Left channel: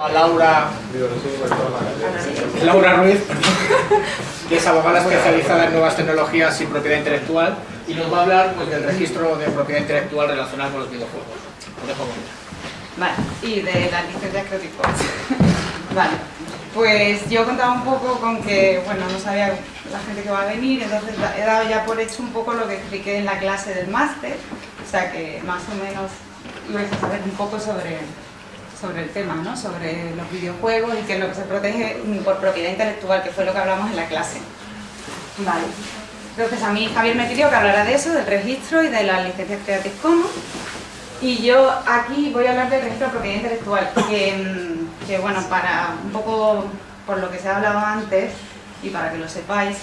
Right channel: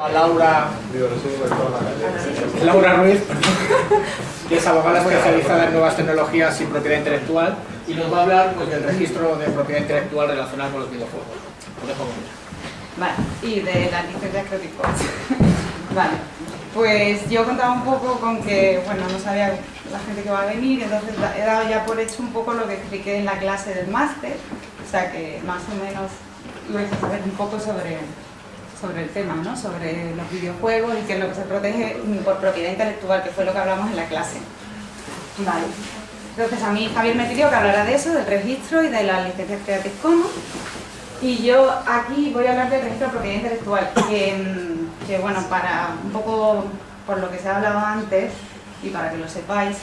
A Laura Ruiz, que es abogada especializada en nuevas tecnologías y propiedad intelectual, y nos va a hablar pues, del registro de propiedad intelectual relacionado con los videojuegos. Lo dejo con ella. Vale, y de las licencias Creative Commons. Vale, pues yo contaba un poco con que, bueno, no sabía la gente que va a venir, entonces he dado ya por hecho un poco lo que expliqué en la clase del máster, o sea que más o menos ibais a saber un poco sobre el tema, ¿no? Sobre los videojuegos y qué es lo que se protege por propiedad intelectual, que fue lo que hablamos en la clase. Vale. Entonces a mí Javier me pidió que hablara de eso, del registro y de las licencias Creative Commons. Y yo aquí voy a hablar del registro de propiedad intelectual, que bueno, para un poco por lo que se ha hablado antes y para que lo sepáis,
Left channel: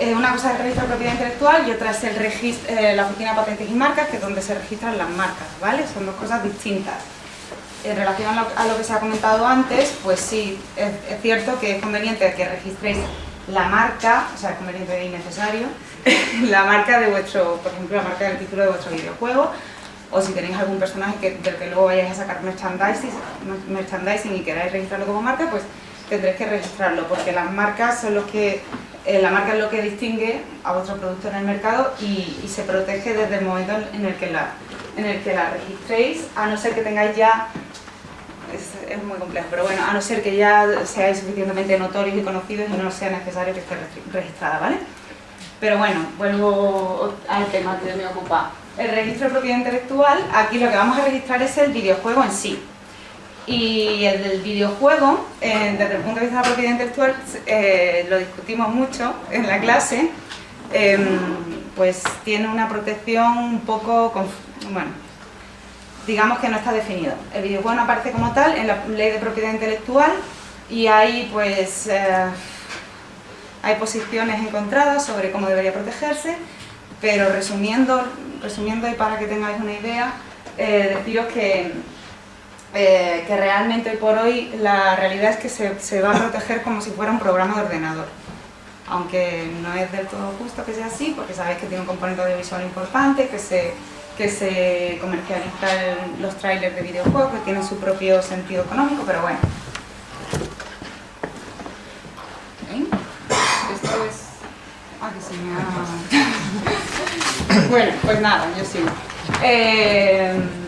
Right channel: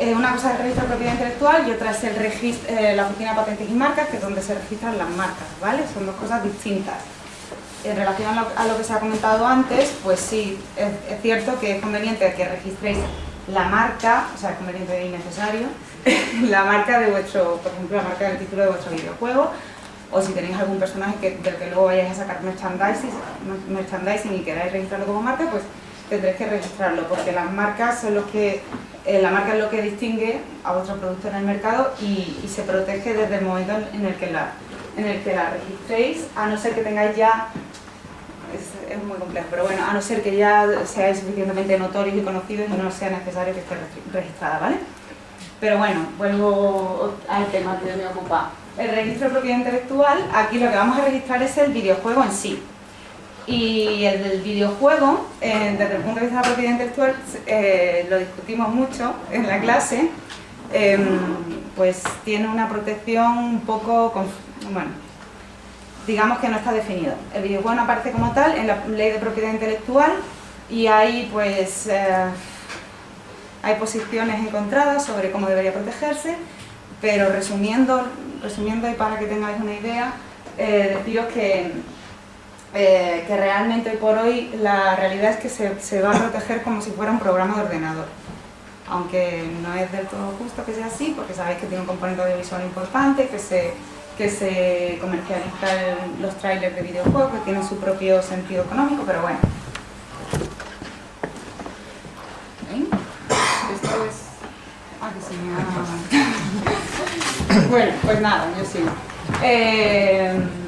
una cosa es el registro de propiedad intelectual y otra es el registro, la Oficina de Patentes y Marcas, que es donde se registran las marcas, ¿vale? Son dos cosas distintas. En relación a lo que se ha comentado antes, pues sí, es cierto que es conveniente que registréis la marca, o sea, es conveniente y necesario, la marca de vuestro, por ejemplo, la marca del título de vuestro videojuego, o si tenéis algún personaje del que luego vayáis a sacar merchandising y queráis registrarlo como marca, pues tendréis que registrarlo, porque las marcas son los que, la marca es lo que distingue a vuestro producto en el mercado y se protege desde el momento en el que la registréis, a no ser que tengáis ya, es muy complejo, pero bueno, a no ser que ya seáis suficientemente notorios y conocidos y no sea necesario que esté registrada, ¿vale? Pero bueno, vuelvo al tema que me ocupa. El registro de propiedad intelectual, aquí lo que vamos a registrar es el videojuego en sí. Y el del videojuego, desde el punto de vista de la propiedad intelectual, lo discutimos mucho en la clase, pues tiene una protección un poco, bueno, digamos que no está definido. El videojuego no aparece como tal en la ley de propiedad intelectual y hay pues hay posiciones encontradas sobre cómo debería protegerse, pero resumiendo y para que tengáis una idea, deciros que realmente hoy por hoy la realidad es que se va a proteger como si fuera un programa de ordenador, aunque no es del todo justo que sea así, porque sabéis que tiene un componente audiovisual importante, que se comercializan los trailers de videojuegos, que tienen su propio sentido económico, pero bueno. Esto es... Ah, que se me ha... Bueno, pues nada, yo sigo.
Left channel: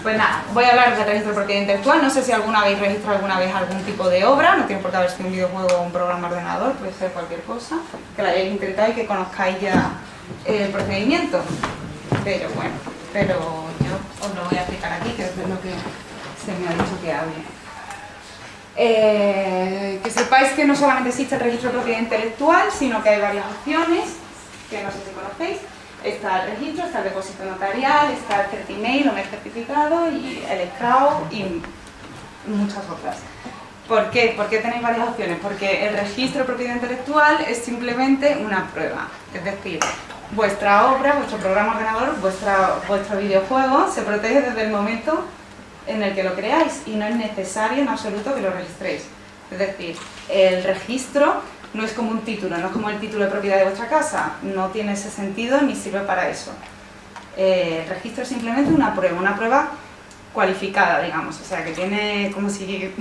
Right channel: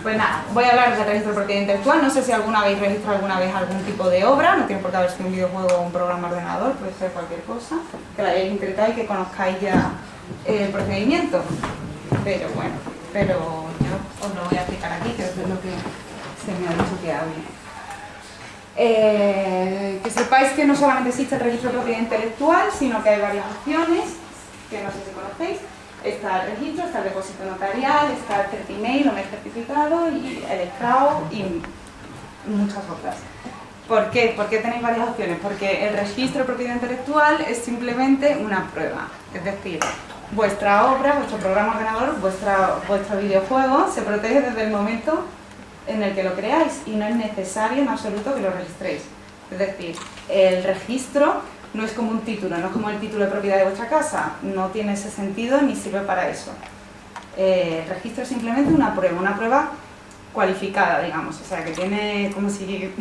Pues nada, voy a hablar del registro de propiedad intelectual. No sé si habéis registrado alguna vez algún tipo de obra, no tiene por qué haber sido un videojuego o un programa de ordenador, puede ser cualquier cosa, que la hayáis intentado y que conozcáis ya el procedimiento. Pero bueno, yo os lo voy a explicar aquí, que es de lo que se me ha dicho que hable. Que sepáis que no solamente existe el registro de propiedad intelectual, sino que hay varias opciones, que no sé si conocéis. Está el registro, está el depósito notarial, está el certimail o mes certificado y el escrao y muchas otras. ¿Por qué? ¿Por qué tenéis varias opciones? Porque el registro de propiedad intelectual es simplemente una prueba, es decir, vuestra obra, vuestro programa ordenador, vuestro videojuego se protege desde el momento en el que lo creáis y no es necesario en absoluto que lo registréis. Es decir, el registro no es como un título, no es como el título de propiedad de vuestra casa, no tiene ese sentido ni sirve para eso. El registro es simplemente una prueba cualificada, digamos, o sea que tiene como si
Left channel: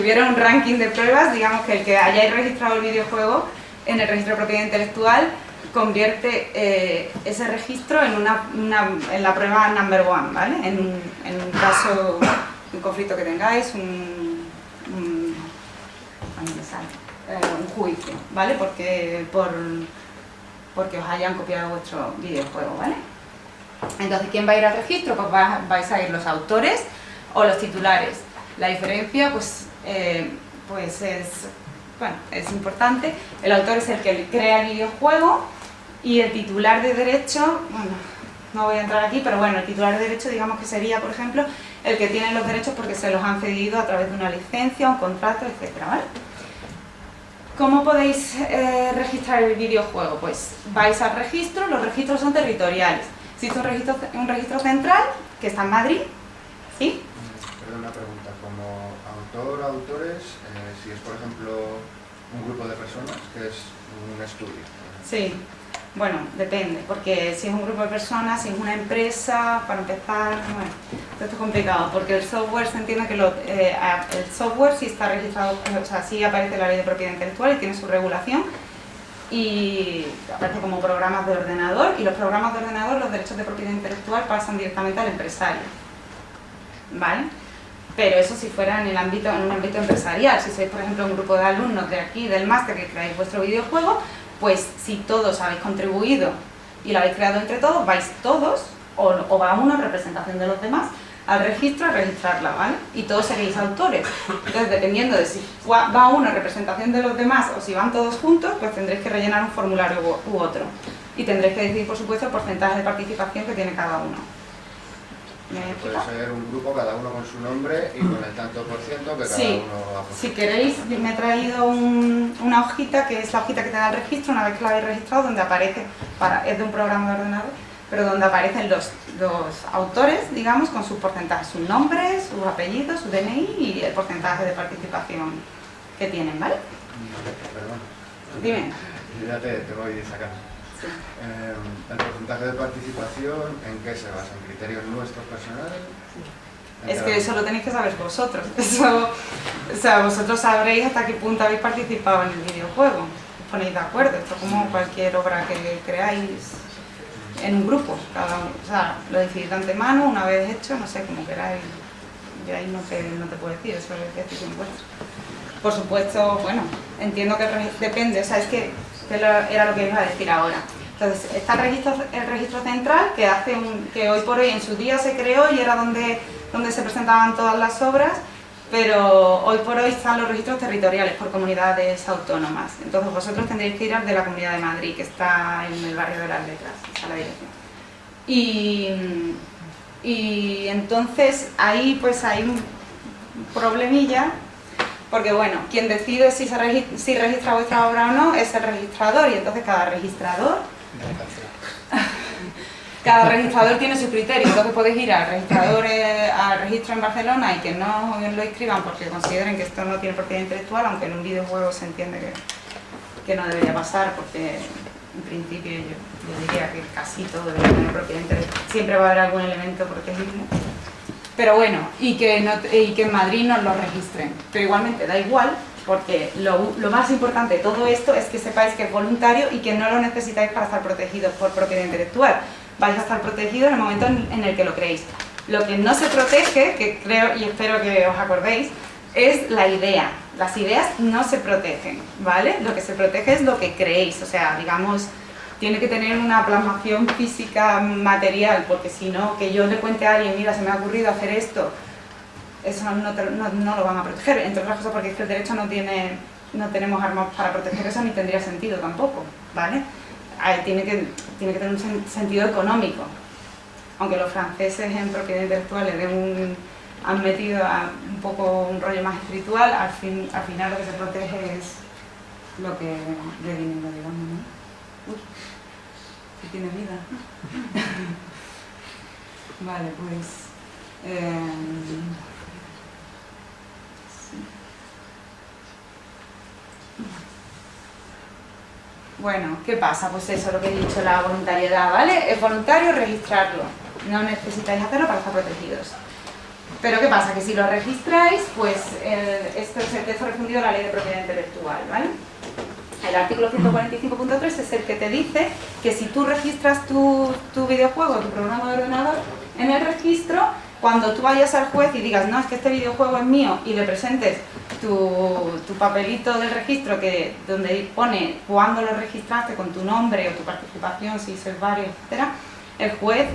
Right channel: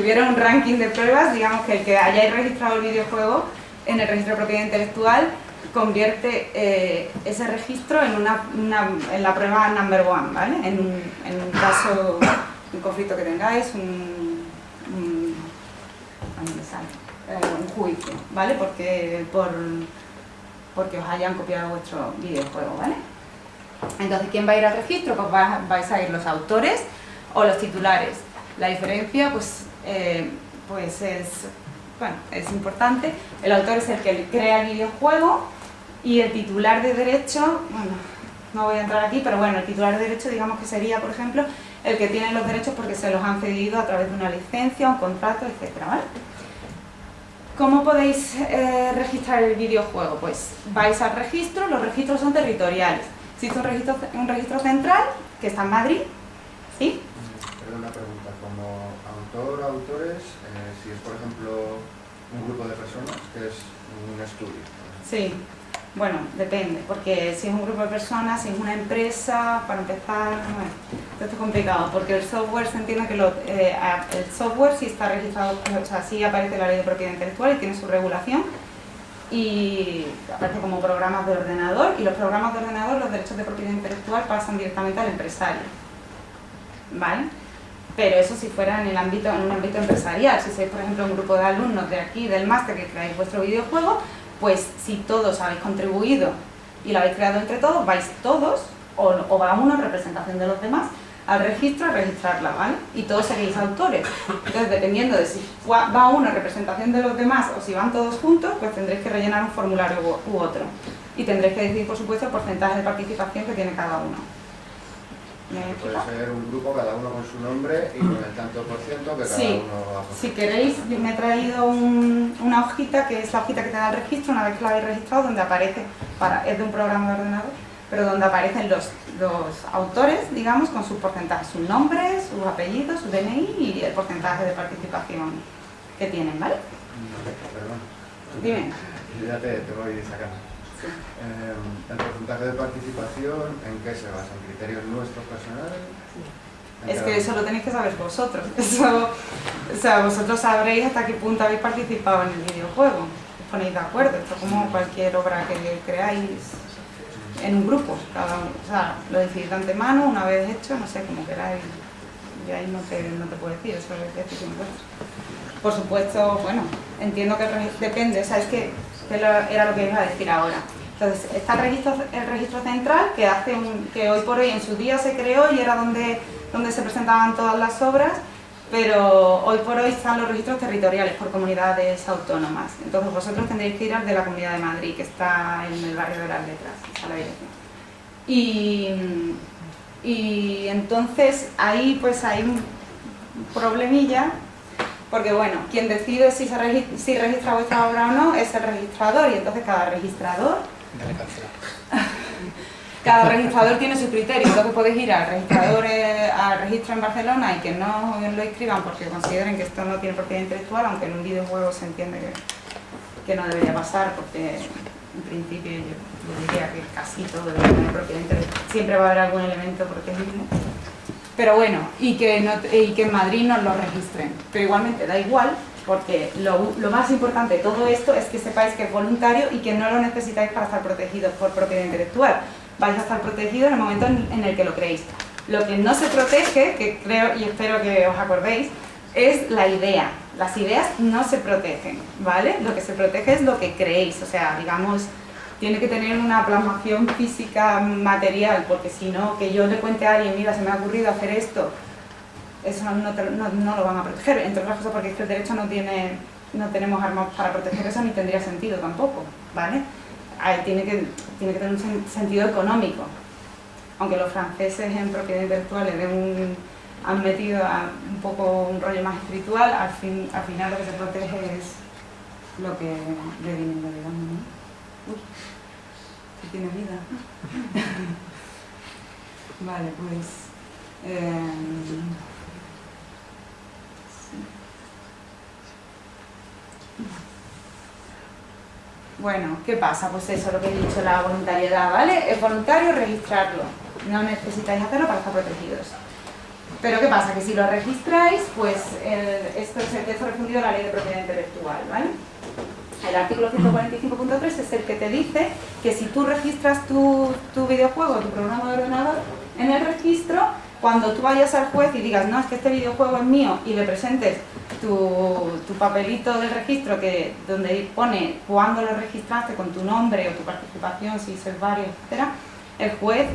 hubiera un ranking de pruebas, digamos que el que hayáis registrado el videojuego en el registro de propiedad intelectual convierte ese registro en la prueba number one, ¿vale? En un caso, un conflicto que tengáis, un juicio, ¿vale? Porque os hayan copiado vuestro videojuego, ¿vale? Entonces, ¿quién va a ir al registro? Pues vais a ir los autores o los titulares. La diferencia, pues es importante. El autor es el que crea el videojuego y el titular de derecho, bueno, no voy a entrar aquí, pero bueno, el titular de derecho digamos que sería, por ejemplo, el que tiene los derechos porque se los han cedido a través de una licencia, un contrato, etcétera, ¿vale? ¿Cómo podéis registrar el videojuego? Pues vais al registro, los registros son territoriales. Existe un registro central que está en Madrid, ¿sí? Perdón, una pregunta, como autor o autores, si es por ejemplo un grupo de personas, que es un estudio. Sí. Bueno, depende, porque si es un grupo de personas, si es una empresa, para empezar, bueno, esto es complicado, porque el software se entiende que el software sí está registrado, o sea, sí aparece en la ley de propiedad intelectual y tiene su regulación, y aparece como programas de ordenador, y los programas de ordenador, los derechos de propiedad intelectual pasan directamente al empresario, ¿vale? Pero eso si fuera en un ámbito empresarial. Si sois, por ejemplo, un grupo de alumnos de aquí, del máster, que creáis vuestro videojuego, pues si todos habéis contribuido y lo habéis creado entre todos, vais todos, o va uno en representación de los demás, al registro a registrarla, ¿vale? Y todos seréis autores. Entonces, dependiendo de si va uno en representación de los demás o si van todos juntos, pues tendréis que rellenar un formulario u otro. Y tendréis que decidir, por supuesto, el porcentaje de participación que tiene cada uno. Puede ser un grupo, cada uno con su nombre y con el tanto por ciento que cada uno va a poner. Si queréis, me he traído una hojita, que es la hojita que te da el registro, una vez que la habéis registrado, donde aparece, es de un programa de ordenador, pero donde aparecen los autores, digamos, con sus porcentajes, sus nombres, sus apellidos, su DNI y el porcentaje de participación que tienen, ¿vale? Perdón. Dime. Yo ya te voy sacando. Sí. El porcentaje de participación, ¿en qué se basa? ¿En criterios nuestros personales? Es que eso lo tenéis que saber vosotros. Eso, o sea, vosotros sabréis hasta qué punto habéis participado en el videojuego. Os ponéis de acuerdo. Esto es como cualquier obra que creáis en un grupo. Cada uno, o sea, lo decidís de antemano, una vez hecho, no sé, como queráis. Yo ahí no te puedo decir, eso es decisión vuestra. Por supuesto, bueno, entiendo que depende, o sea, es que era lo que iba a decir ahora. Entonces, está el registro central, que hoy por hoy en su día se creó y era donde se presentaban todas las obras, pero hoy por hoy están los registros territoriales por comunidades autónomas. Entonces, vosotros tendréis que ir al de la Comunidad de Madrid, que está en el barrio de las Letras, esa es la dirección. Y entonces, ahí pues hay un problemilla, porque bueno, quien decide si registra vuestra obra o no es el registrador, y entonces cada registrador tiene su criterio. Entonces podéis ir al registro en Barcelona y que no lo inscriban porque consideren que esto no tiene propiedad intelectual, aunque en un videojuego se entiende que no debería pasar, porque en principio yo diría que casi todo debería tener propiedad intelectual. Siempre va a haber algún elemento protegible. Pero bueno, y que en Madrid nos lo registren. Pero igualmente da igual, porque lo más importante de todo esto es que sepáis que es voluntario y que no lo necesitáis para estar protegidos por propiedad intelectual. Vais a estar protegidos en el momento en el que lo creéis. Lo que no se protege, que creo y espero que os acordéis, es la idea. Las ideas no se protegen, ¿vale? Lo que se protege es lo que creéis, o sea, digamos, tiene que tener una plasmación física material, porque si no, que yo le cuente a alguien, mira, se me ha ocurrido hacer esto, eso no lo van a proteger, entre otras cosas porque es que el derecho no tenemos armas para proteger eso, ni tendría sentido tampoco, ¿vale? Tiene que tener un sentido económico, aunque los franceses en propiedad intelectual han metido un poco un rollo más espiritual, al final lo que se protege es lo que de dinero, digamos, ¿no? Uy, si tiene vida. Vale, pues... sí. Bueno, ¿qué pasa? Pues eso, lo que he dicho, la voluntariedad, ¿vale? Es voluntario registrarlo, no necesitáis hacerlo para estar protegidos. Pero ¿qué pasa? Que si lo registráis, pues esto es el texto refundido de la Ley de Propiedad Intelectual, ¿vale? El artículo 145.3 es el que te dice que si tú registras tu videojuego, tu programa de ordenador, en el registro, cuando tú vayas al juez y digas, no, es que este videojuego es mío, y le presentes tu papelito del registro donde pone cuándo lo registraste con tu nombre o tu participación, si sois varios, etc., el juez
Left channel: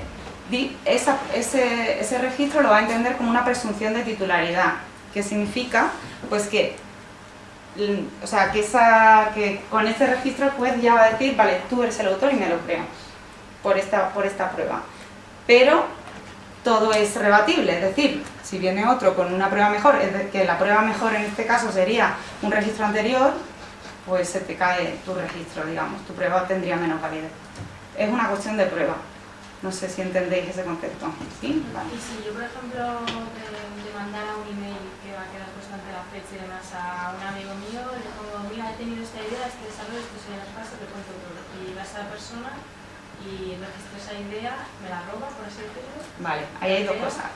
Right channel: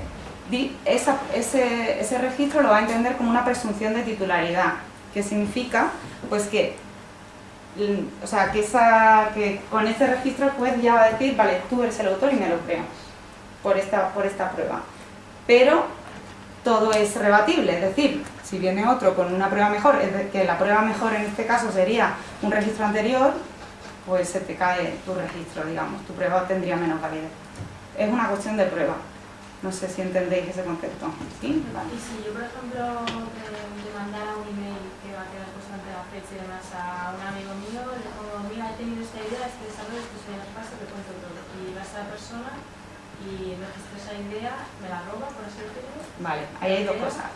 ese registro lo va a entender como una presunción de titularidad, que significa pues que con este registro el juez ya va a decir, vale, tú eres el autor y me lo creo por esta prueba. Pero todo es rebatible, es decir, si viene otro con una prueba mejor, que la prueba mejor en este caso sería un registro anterior, pues se te cae tu registro, digamos, tu prueba tendría menos validez. Es una cuestión de prueba. No sé si entendéis ese concepto. ¿Sí? Vale. Y si yo, por ejemplo, le mandara un email que va a quedar constante la fecha y demás a un amigo mío, le pongo, mira, he tenido esta idea, este desarrollo, esto se llama paso, te cuento todo. Y va a esa persona y registro esa idea, me la roba, por así decirlo. Vale, ahí hay dos cosas.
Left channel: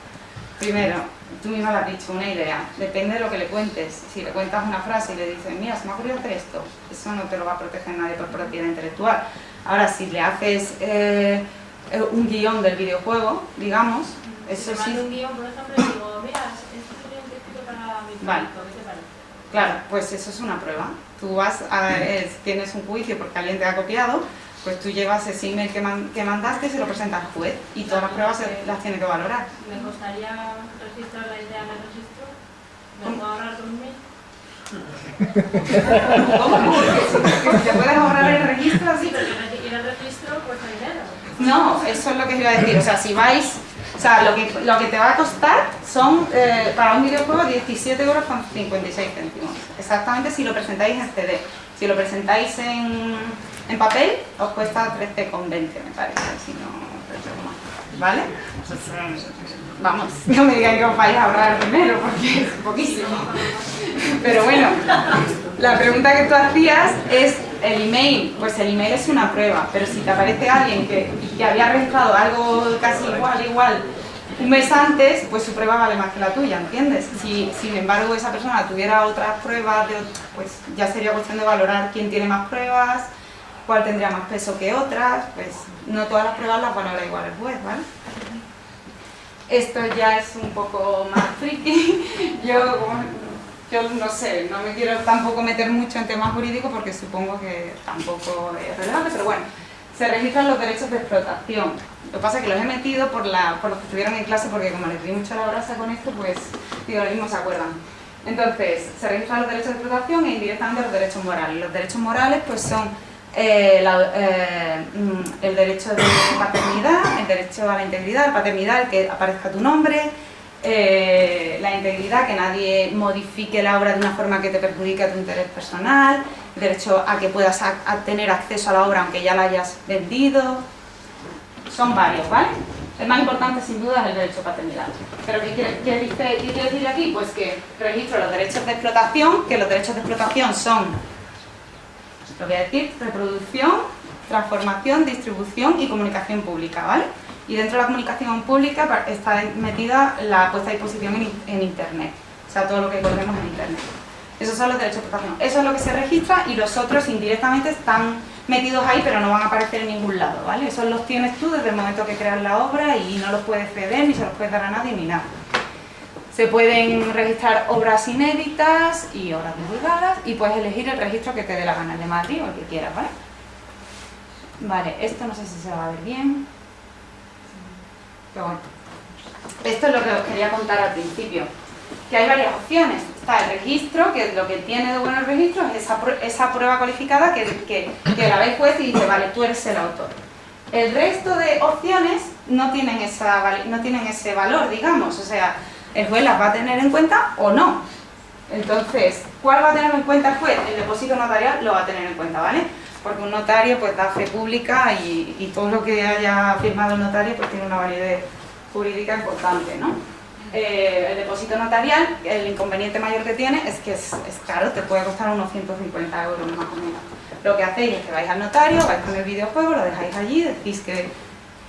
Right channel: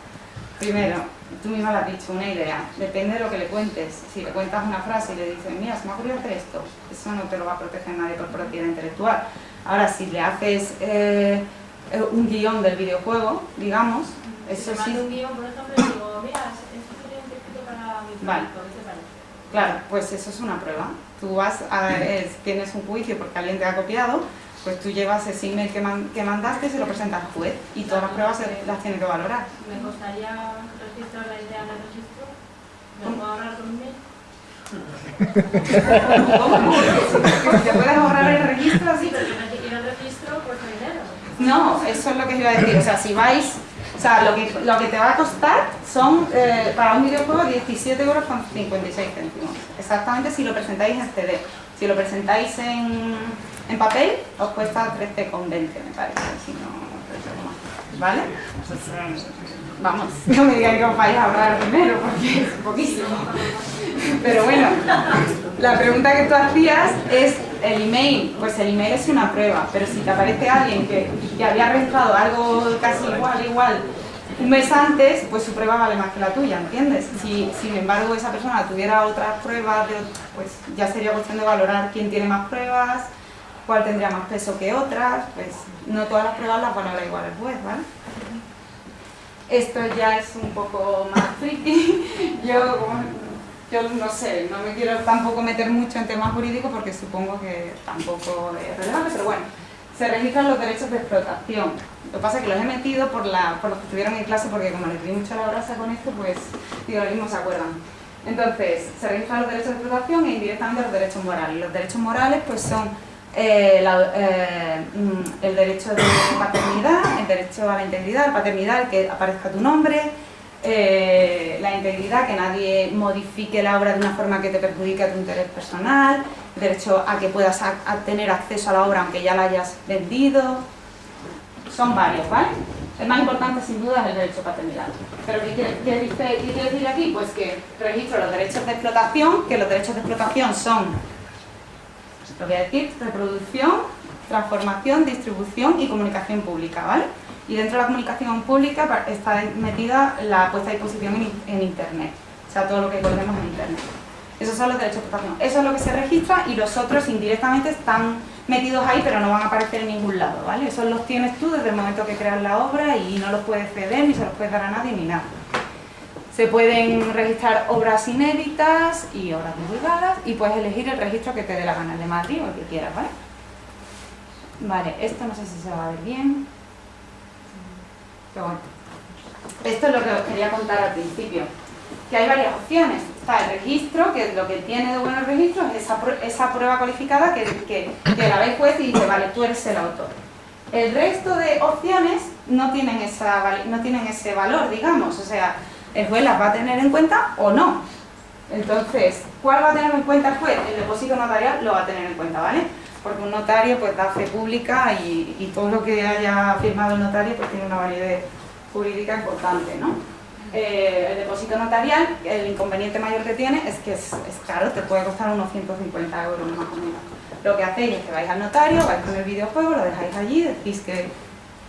Primero, tú misma lo has dicho, una idea. Depende de lo que le cuentes. Si le cuentas una frase y le dices, mira, se me ha ocurrido hacer esto, eso no te lo va a proteger nadie por propiedad intelectual. Ahora, si le haces un guión del videojuego, digamos, eso sí. Si un guión, por ejemplo, y digo, mira, esto sería un texto para mi proyecto, ¿qué te parece? Claro, pues eso es una prueba. Tú vas tienes un juicio porque alguien te ha copiado, pues tú llevas ese email que mandaste y se lo presentas al juez y todas las pruebas las tiene que valorar. ¿Me costaría registrar la idea en el registro? ¿Me puedo ahorrar con un mail? ¿Cómo? ¿Te puedes ahorrar el registro así? Sí, pero ir al registro cuesta dinero. No, eso es lo que os iba a decir. O sea, si vais, o sea, lo que te va a costar son, para un videojuego, 17,56 €. Exactamente si lo presentáis en CD. Si lo presentáis en papel, os cuesta 13,20, me parece, si no recuerdo mal. ¿Vale? Vamos, no me digáis que os vais a ahorrar dinero, porque es poquísimo. Pero bueno, la pregunta que tú hacías es el email. Pues el email es una prueba, pero si te aparece alguien que había registrado algo casi igual un mes antes, pues su prueba vale más que la tuya, ¿entiendes? Si sin embargo esa persona tuviera otras pruebas, pues ya sería cuestión de valorar quién tiene más pruebas, cuál tendría más peso que otras, pues no todas las pruebas las valora igual el juez, ¿vale? Esto ya es un poco más friki. Yo no sé, no me quiero tampoco meter mucho en temas jurídicos porque supongo que tampoco es relevante, pero bueno, se registran los derechos de explotación. Lo que pasa es que los he metido por los que estuvieron en clase porque como les di mucho la brasa con esto, pues digo, lo mismo se acuerdan. Entonces, se registran los derechos de explotación e indirectamente los derechos morales. Los derechos morales pues son el derecho de paternidad, el derecho a la integridad, la paternidad, el que aparezca tu nombre, la integridad, que nadie modifique la obra de una forma que te perjudique a tu interés personal, el derecho a que puedas tener acceso a la obra aunque ya la hayas vendido. Son varios, ¿vale? El más importante sin duda es el derecho a paternidad. Pero ¿qué quiere decir aquí? Pues que registro los derechos de explotación, que los derechos de explotación son, lo voy a decir, reproducción, transformación, distribución y comunicación pública, ¿vale? Y dentro de la comunicación pública está metida la puesta a disposición en Internet, o sea, todo lo que colguemos en Internet. Esos son los derechos de explotación. Eso es lo que se registra y los otros indirectamente están metidos ahí, pero no van a aparecer en ningún lado, ¿vale? Esos los tienes tú desde el momento que creas la obra y no los puedes ceder ni se los puedes dar a nadie ni nada. Se pueden registrar obras inéditas y obras divulgadas y puedes elegir el registro que te dé la gana, el de Madrid o el que quieras, ¿vale? Vale, esto no sé si se va a ver bien. Pero bueno, esto es lo que os quería contar al principio, que hay varias opciones. Está el registro, que lo que tiene de bueno el registro es esa prueba cualificada que la ve el juez y dice, vale, tú eres el autor. El resto de opciones no tienen ese valor, digamos, o sea, el juez las va a tener en cuenta o no. Entonces, ¿cuál va a tener en cuenta el juez? El depósito notarial lo va a tener en cuenta, ¿vale? Porque un notario pues da fe pública y todo lo que haya firmado el notario pues tiene una validez jurídica importante, ¿no? El depósito notarial, el inconveniente mayor que tiene es que es caro, te puede costar unos 150 € más o menos. Lo que hacéis es que vais al notario, vais con el videojuego, lo dejáis allí, decís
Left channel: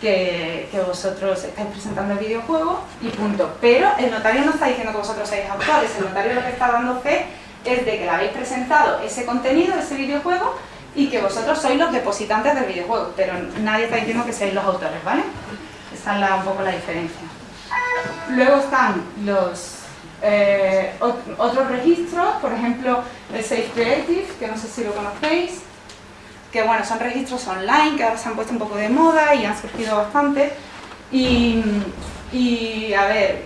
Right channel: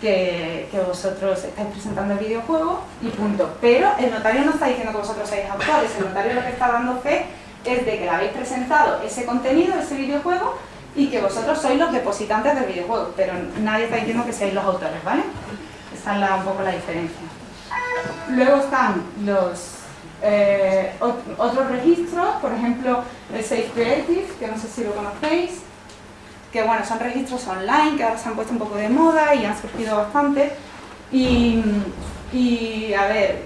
que vosotros estáis presentando el videojuego y punto. Pero el notario no está diciendo que vosotros seáis autores, el notario lo que está dando fe es de que le habéis presentado ese contenido, ese videojuego, y que vosotros sois los depositantes del videojuego, pero nadie está diciendo que seáis los autores, ¿vale? Esta es un poco la diferencia. Luego están los otros registros, por ejemplo el Safe Creative, que no sé si lo conocéis, que bueno, son registros online que ahora se han puesto un poco de moda y han surgido bastante y a ver,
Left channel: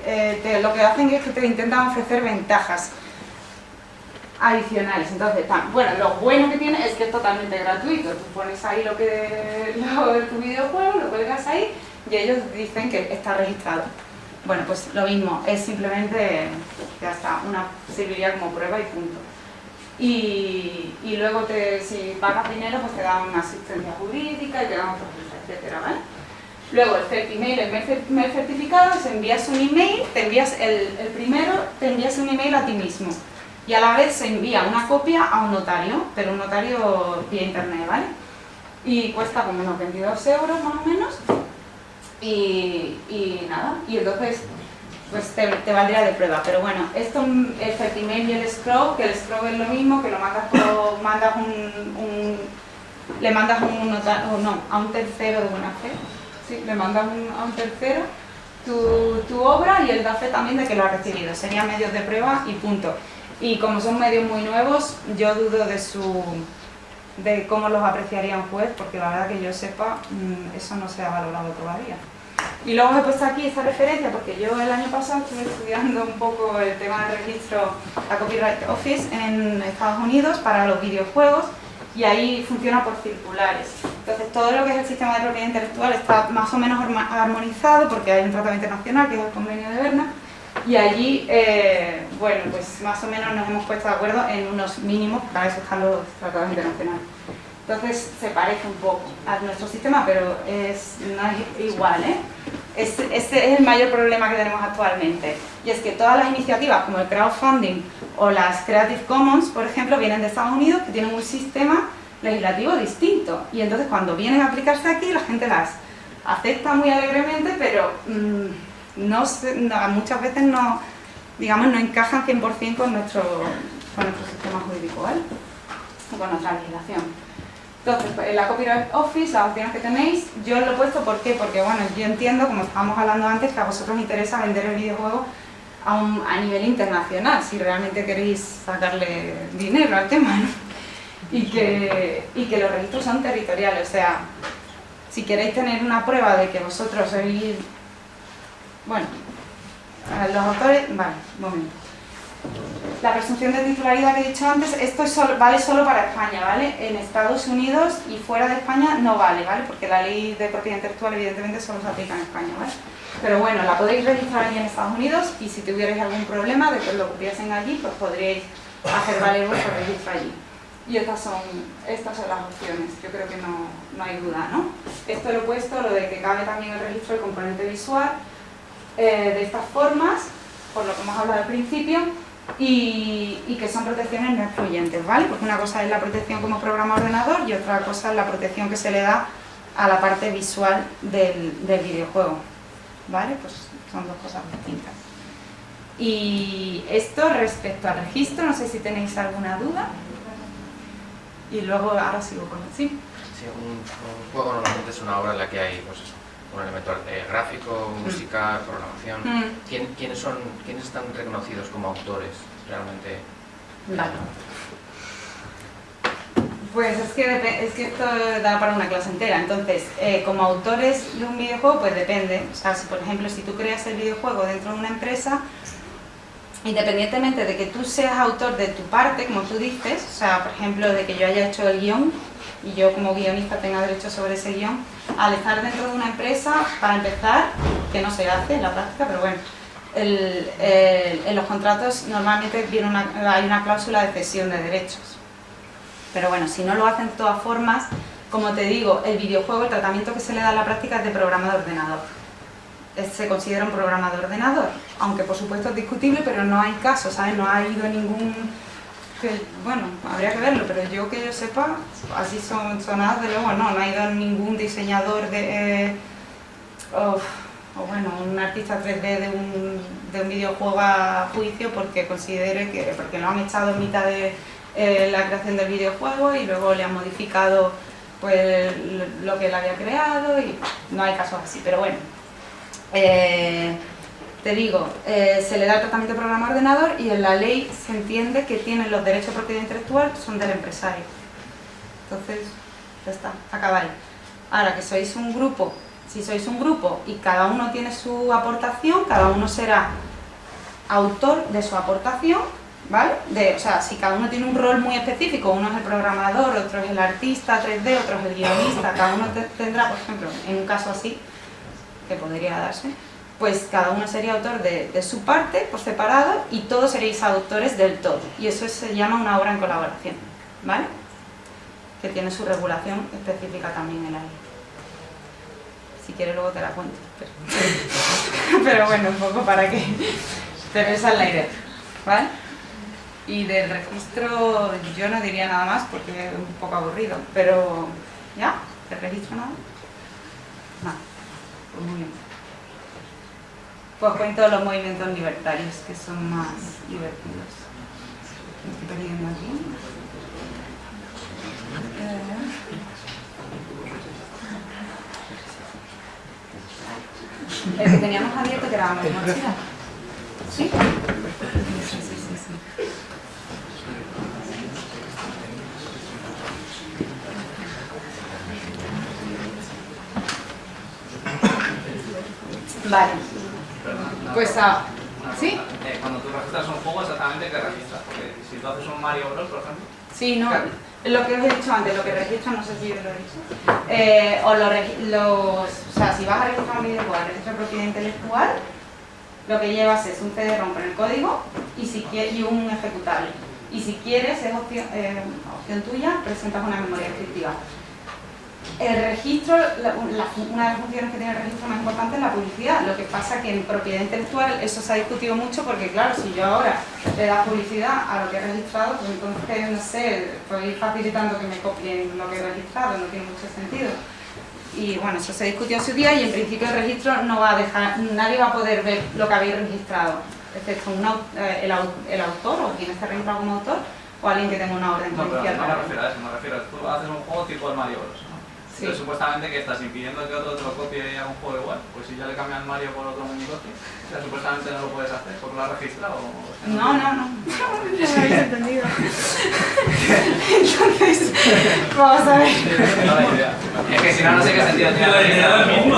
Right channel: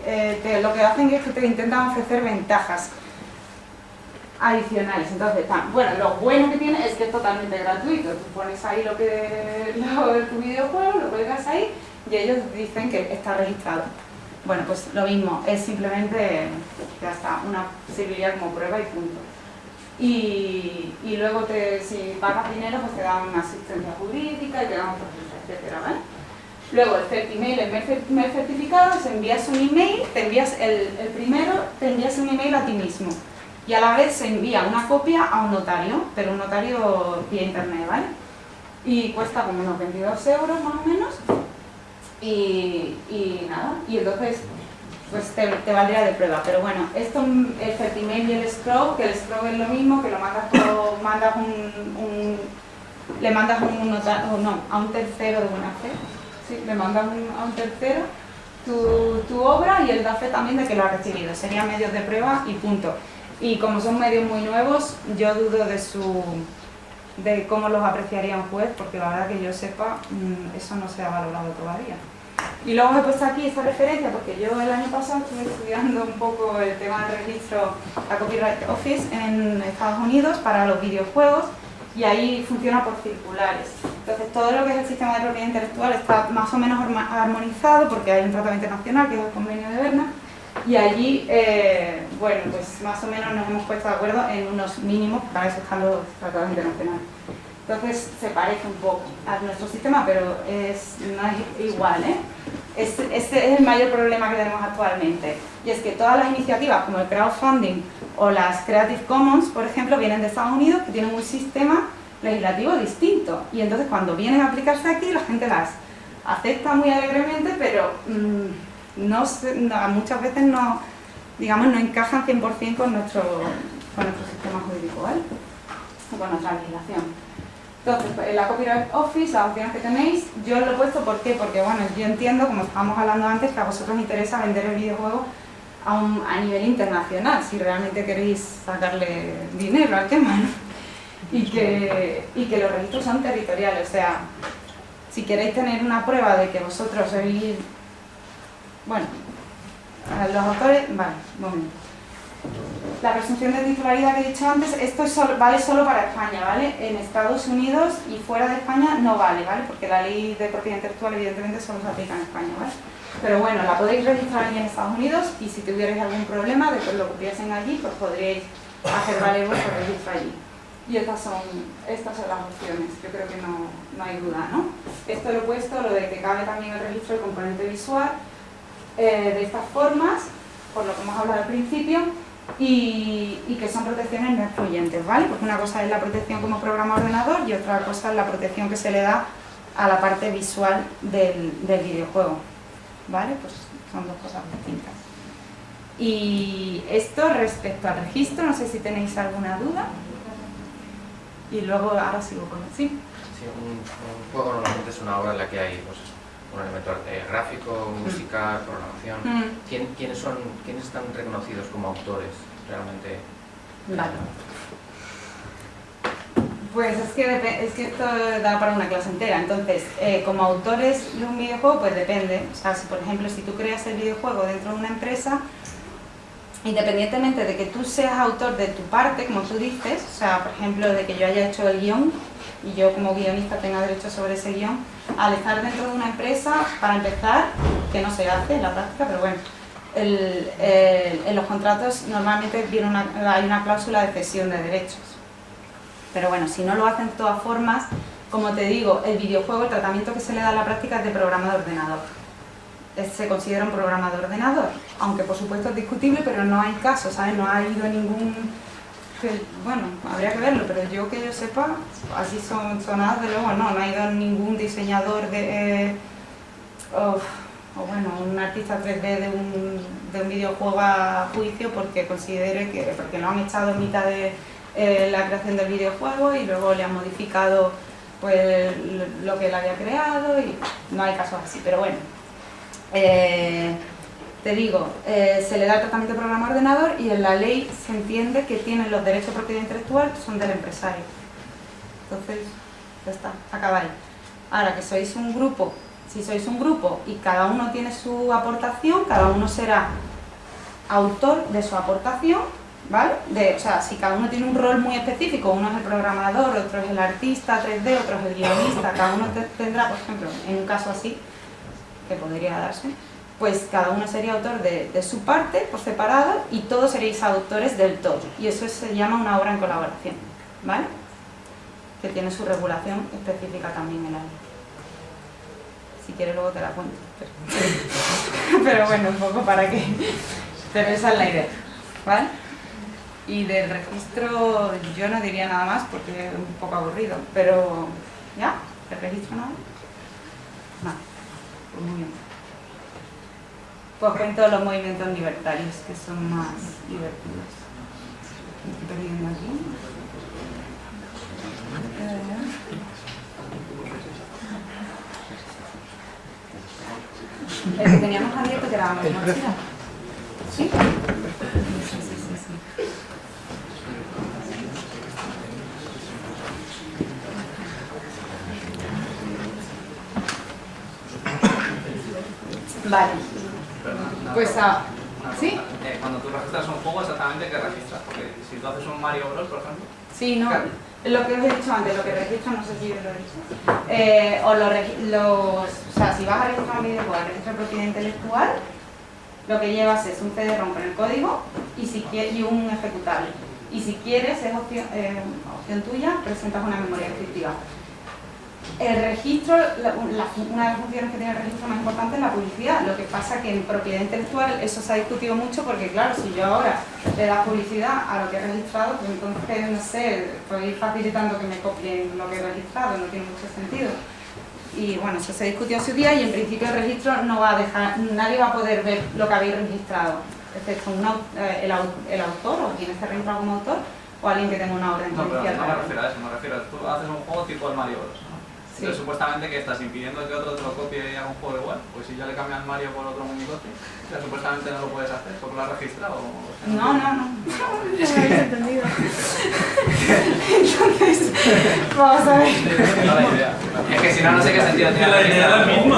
lo que hacen es que te intentan ofrecer ventajas adicionales. Entonces, bueno, lo bueno que tiene es que es totalmente gratuito. Tú pones ahí lo de tu videojuego, lo cuelgas ahí y ellos dicen que está registrado. Bueno, pues lo mismo, es simplemente, ya está, serviría como prueba y punto. Y luego si pagas dinero, pues te dan una asistencia jurídica y te dan otros, etcétera, ¿vale? Luego el Certimail, el primer certificado, es envías un email, te envías el primero, te envías un email a ti mismo. Y a la vez se envía una copia a un notario, pero un notario vía internet, ¿vale? Y cuesta como unos 22 euros más o menos. Y nada, y entonces pues te valdría de prueba. Pero bueno, esto, el Certimail y el Scroll, que el Scroll es lo mismo, que lo mandas le mandas a un tercero de buena fe. Sí, le mandas a un tercero tu obra y él da fe también de que lo ha recibido. Serían medios de prueba y punto. Y como son medios muy nuevos, yo dudo de cómo los apreciaría un juez, porque la verdad que yo sepa, eso no se ha valorado todavía. Y luego he puesto aquí esta referencia porque yo el año pasado estuve estudiando un poco el tema del registro, la Copyright Office en Estados Unidos para los videojuegos, y ahí funciona por circulares. Entonces todo lo que es el sistema de propiedad intelectual está más o menos armonizado porque hay un tratamiento nacional que es el convenio de Berna, y allí, bueno, pues más o menos nos hemos puesto de acuerdo en unos mínimos, para eso están los tratados internacionales. Entonces se parece un poco a nuestro sistema, pero no es igual, ¿eh? Este es el mayor problema que tenemos actualmente, y es que todas las iniciativas como el crowdfunding o las Creative Commons, por ejemplo, vienen de Estados Unidos, que tienen un sistema legislativo distinto, y entonces cuando vienen a aplicarse aquí la gente las acepta muy alegremente, pero muchas veces no, digamos, no encajan 100% con nuestro sistema jurídico, ¿vale? O con nuestra legislación. Entonces, en la Copyright Office, las opciones que tenéis, yo lo he puesto, ¿por qué? Porque, bueno, yo entiendo, como estábamos hablando antes, que a vosotros os interesa vender el videojuego a nivel internacional, si realmente queréis sacarle dinero al tema, ¿no? Y que los registros son territoriales, o sea, si queréis tener una prueba de que vosotros sois, bueno, los autores, vale, un momento. La presunción de titularidad que he dicho antes, esto vale solo para España, ¿vale? En Estados Unidos y fuera de España no vale, ¿vale? Porque la ley de propiedad intelectual evidentemente solo se aplica en España, ¿vale? Pero bueno, la podéis registrar allí en Estados Unidos, y si tuvierais algún problema de que lo copiasen allí, pues podríais hacer valer vuestro registro allí. Y estas son las opciones, yo creo que no hay duda, ¿no? Esto lo he puesto, lo de que cabe también el registro del componente visual, de estas formas, por lo que hemos hablado al principio, y que son protecciones no excluyentes, ¿vale? Porque una cosa es la protección como programa ordenador y otra cosa es la protección que se le da a la parte visual del videojuego, ¿vale? Pues son dos cosas distintas. Y esto respecto al registro, no sé si tenéis alguna duda. Y luego ahora sigo con el sí. Sí, un juego normalmente es una obra en la que hay, pues, un elemento gráfico, musical, programación. ¿Quiénes están reconocidos como autores realmente? Vale. Pues es que esto da para una clase entera. Entonces, como autores de un videojuego, pues depende. O sea, si por ejemplo, si tú creas el videojuego dentro de una empresa, independientemente de que tú seas autor de tu parte, como tú dices, o sea, por ejemplo, de que yo haya hecho el guión y yo como guionista tenga derecho sobre ese guión, al estar dentro de una empresa, para empezar, que no se hace en la práctica, pero bueno, en los contratos normalmente hay una cláusula de cesión de derechos. Pero bueno, si no lo hacen de todas formas, como te digo, el videojuego, el tratamiento que se le da en la práctica es de programa de ordenador. Se considera un programa de ordenador, aunque por supuesto es discutible, pero no hay caso, ¿sabes? No ha ido ningún... bueno, habría que verlo, pero yo que yo sepa, así sonadas de luego, no ha ido ningún diseñador o bueno, un artista 3D de un videojuego a juicio porque considere porque lo han echado en mitad de la creación del videojuego y luego le han modificado pues lo que él había creado, y no hay casos así, pero bueno. Te digo, se le da el tratamiento de programa ordenador y en la ley se entiende que tienen los derechos de propiedad intelectual, son del empresario. Entonces, ya está, acabáis. Ahora que sois un grupo, si sois un grupo y cada uno tiene su aportación, cada uno será autor de su aportación, ¿vale? O sea, si cada uno tiene un rol muy específico, uno es el programador, otro es el artista 3D, otro es el guionista, cada uno tendrá, por ejemplo, en un caso así, que podría darse, pues cada uno sería autor de su parte por separado y todos seréis autores del todo, y eso se llama una obra en colaboración, ¿vale? Que tiene su regulación específica también en la ley. Si quieres luego te la cuento. Pero bueno, un poco para que... Pero esa es la idea, ¿vale? Y del registro yo no diría nada más porque es un poco aburrido, pero ¿ya? ¿El registro nada? Nada, pues muy bien. Pues cuento los movimientos libertarios que son más divertidos. Me estoy perdiendo aquí. El que teníamos abierto que era la mochila. ¿Sí? Sí. Vale. Pues ¿sí? Cuando tú registras un juego, exactamente qué registras, porque si tú haces un Mario Bros, por ejemplo. Sí, no. Lo que os he dicho antes, lo que registro, no sé si yo lo he dicho. O sea, si vas a registrar un videojuego, el registro de propiedad intelectual, lo que llevas es un CD-ROM con el código y un ejecutable. Y si quieres, es opción tuya, presentas una memoria descriptiva. El registro, una de las funciones que tiene el registro más importante es la publicidad. Lo que pasa que en propiedad intelectual eso se ha discutido mucho porque, claro, si yo ahora le das publicidad a lo que he registrado, pues entonces, no sé, estoy facilitando que me copien lo que he registrado, no tiene mucho sentido. Y bueno, eso se discutió en su día y en principio el registro no va a dejar, nadie va a poder ver lo que habéis registrado, excepto el autor o quien esté registrado como autor o alguien que tenga una orden No, pero judicial. no me refiero a eso, me refiero a tú haces un juego tipo el Mario Bros, ¿no? Sí. Entonces supuestamente que estás impidiendo que otro te lo copie y haga un juego igual, pues si ya le cambian Mario por otro muñecote, o sea, supuestamente no lo puedes hacer porque lo has registrado. No. No me habéis entendido. Entonces, vamos a ver. No la idea. Es que si no, no sé qué sentido tiene la idea del mismo.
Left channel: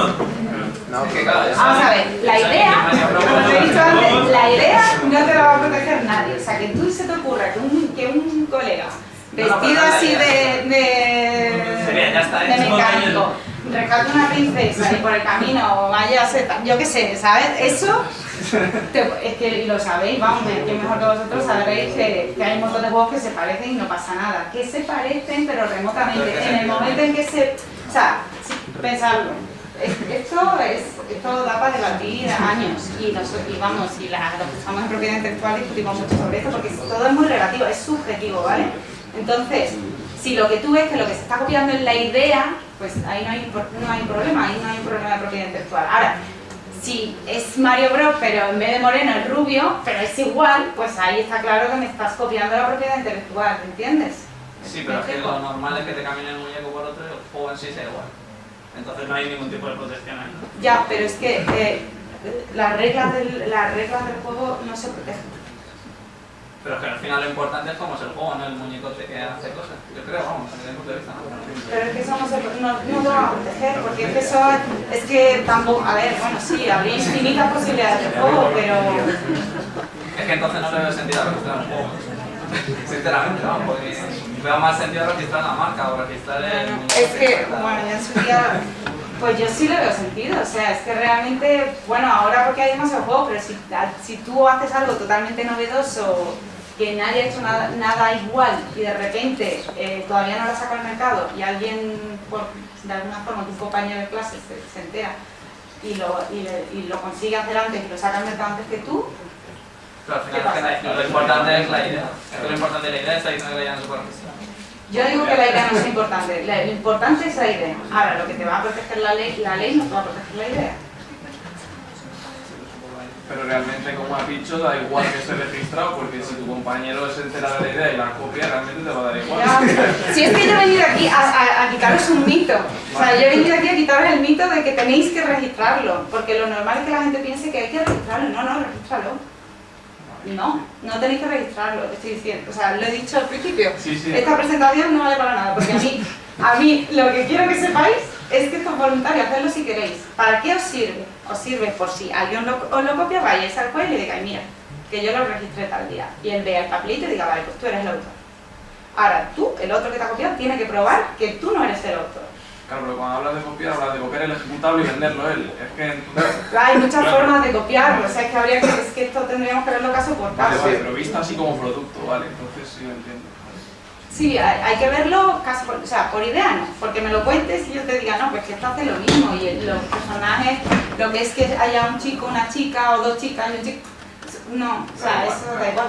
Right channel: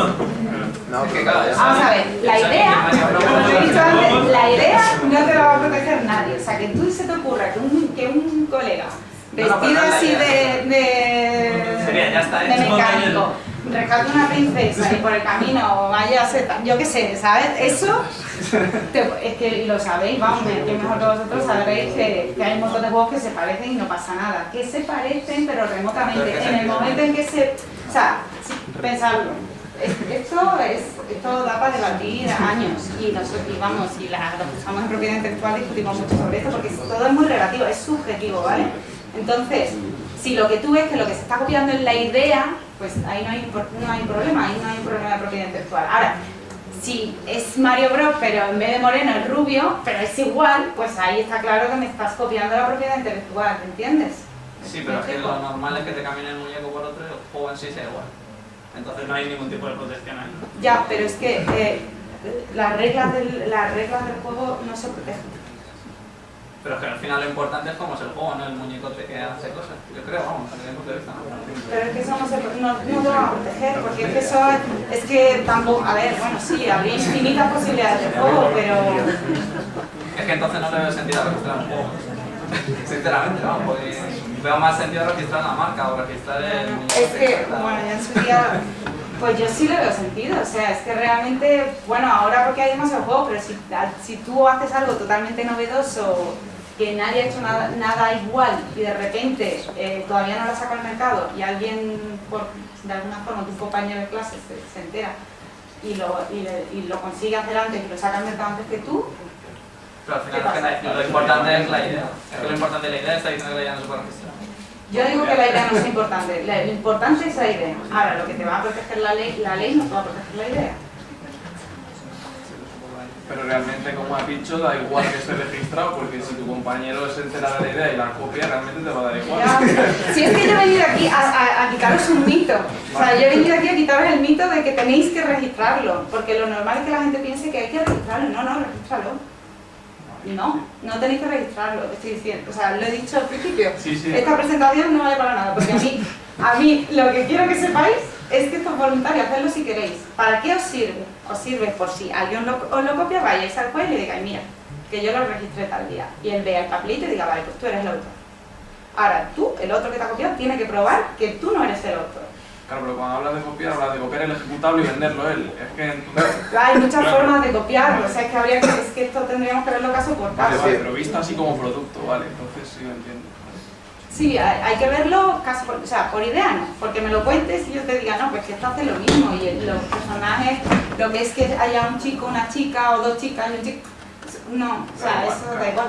No, que claro, ya Vamos a ver, la idea, como te he dicho antes, la idea no te la va a proteger nadie. O sea, que tú se te ocurra que un colega vestido así de mecánico rescate una princesa y por el camino vaya a ser, yo qué sé, ¿sabes? Eso, es que lo sabéis, vamos, que mejor que vosotros sabréis que hay un montón de juegos que se parecen y no pasa nada. Que se parecen, pero remotamente. En el momento en que o sea, pensadlo. Esto da para debatir años y vamos, y los que estamos en propiedad intelectual discutimos mucho sobre esto porque todo es muy relativo, es subjetivo, ¿vale? Entonces, si lo que tú ves que lo que se está copiando es la idea, pues ahí no hay problema, ahí no hay un problema de propiedad intelectual. Ahora, si es Mario Bros, pero en vez de moreno es rubio, pero es igual, pues ahí está claro que me estás copiando la propiedad intelectual, ¿entiendes? Sí, pero es que lo normal es que te cambien el muñeco por otro y el juego en sí sea igual. Entonces no hay ningún tipo de protección ahí. Ya, pero es que las reglas del juego no se protegen. Pero es que al final lo importante es cómo es el juego, no el muñecote que hace cosas. Yo creo, vamos, desde mi punto de vista. Pero es que eso no lo va a proteger, porque es que eso es que tampoco, a ver, bueno, sí, habría infinitas posibilidades de juego, pero... Es que entonces no le veo sentido a registrar un juego. Sinceramente, vamos, porque veo más sentido registrar la marca o registrar el... Es que, bueno, ya en su día, pues yo sí le veo sentido, o sea, es que realmente, bueno, ahora porque hay demasiados juegos, pero si tú haces algo totalmente novedoso, que nadie ha hecho nada igual y de repente todavía no lo saca al mercado y alguien, de alguna forma, tu compañero de clase se entera y lo consigue hacer antes y lo saca al mercado antes que tú. Pero al final es que lo importante es la idea. Es que lo importante de la idea está diciendo que la idea no se puede registrar. Yo digo que la idea no es importante, lo importante es la idea. Ahora, lo que te va a proteger la ley no te va a proteger la idea. Pero realmente, como has dicho, da igual que esté registrado, porque si tu compañero se entera de la idea y la copia, realmente te va a dar igual. Ya. Si es que yo he venido aquí a quitaros un mito. O sea, yo he venido aquí a quitaros el mito de que tenéis que registrarlo. Porque lo normal es que la gente piense que hay que registrarlo. No, regístralo. No tenéis que registrarlo, estoy diciendo. O sea, lo he dicho al principio. Sí. Esta presentación no vale para nada, porque a mí lo que quiero que sepáis es que esto es voluntario, hacedlo si queréis. ¿Para qué os sirve? Os sirve por si alguien os lo copia, vayáis al juez y le digáis, mira, que yo lo registré tal día. Y él vea el papelito y diga, vale, pues tú eres el autor. Ahora, tú, el otro que te ha copiado, tiene que probar que tú no eres el autor. Claro, pero cuando hablas de copiar el ejecutable y venderlo él. Es que entonces... Hay muchas formas de copiarlo, o sea, es que esto tendríamos que verlo caso por caso. Vale, pero visto así como producto, vale, entonces sí lo entiendo. Sí, hay que verlo casi por, o sea, por idea, no, porque me lo cuentes y yo te diga, no, pues que esto hace lo mismo y los personajes, lo que es que haya un chico, una chica o dos chicas y un chico, no, o sea, eso da igual,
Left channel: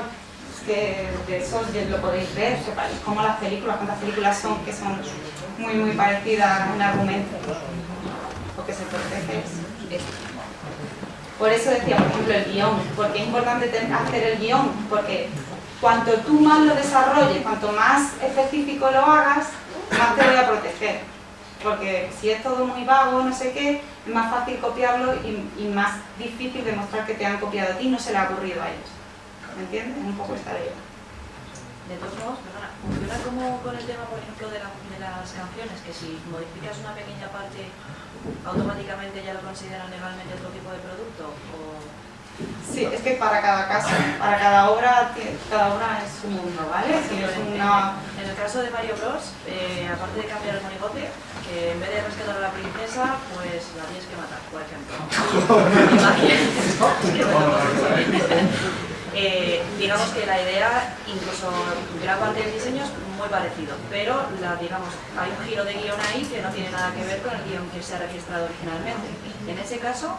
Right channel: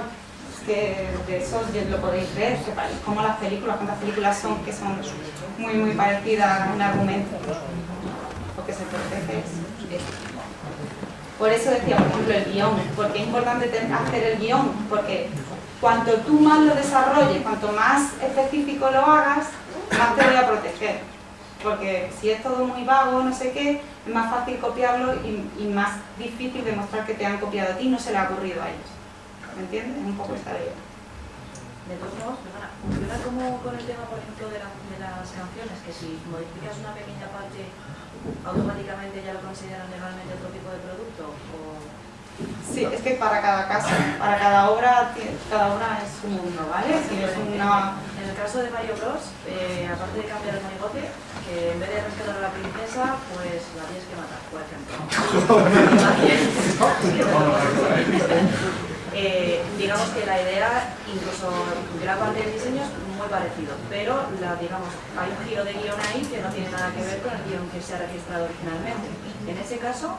es que de eso lo podéis ver, como las películas, cuántas películas son que son muy parecidas en argumento, lo que se protege es esto. Por eso decía, por ejemplo, el guión, porque es importante hacer el guión, porque cuanto tú más lo desarrolles, cuanto más específico lo hagas, más te voy a proteger. Porque si es todo muy vago, no sé qué, es más fácil copiarlo y más difícil demostrar que te han copiado a ti y no se le ha ocurrido a ellos. ¿Me entiendes? Es un poco esta idea. De todos modos, perdona, ¿funciona como con el tema, por ejemplo, de las canciones? Que si modificas una pequeña parte, automáticamente ya lo consideran legalmente otro tipo de producto? ¿O...? Sí, es que para cada caso, para cada obra es un mundo, ¿vale? Si es una... En el caso de Mario Bros, aparte de cambiar el monigote, que en vez de rescatar a la princesa, pues la tienes que matar, por ejemplo. Digamos que la idea, incluso gran parte del diseño es muy parecido, pero digamos, hay un giro de guión ahí que no tiene nada que ver con el guión que se ha registrado originalmente. En ese caso,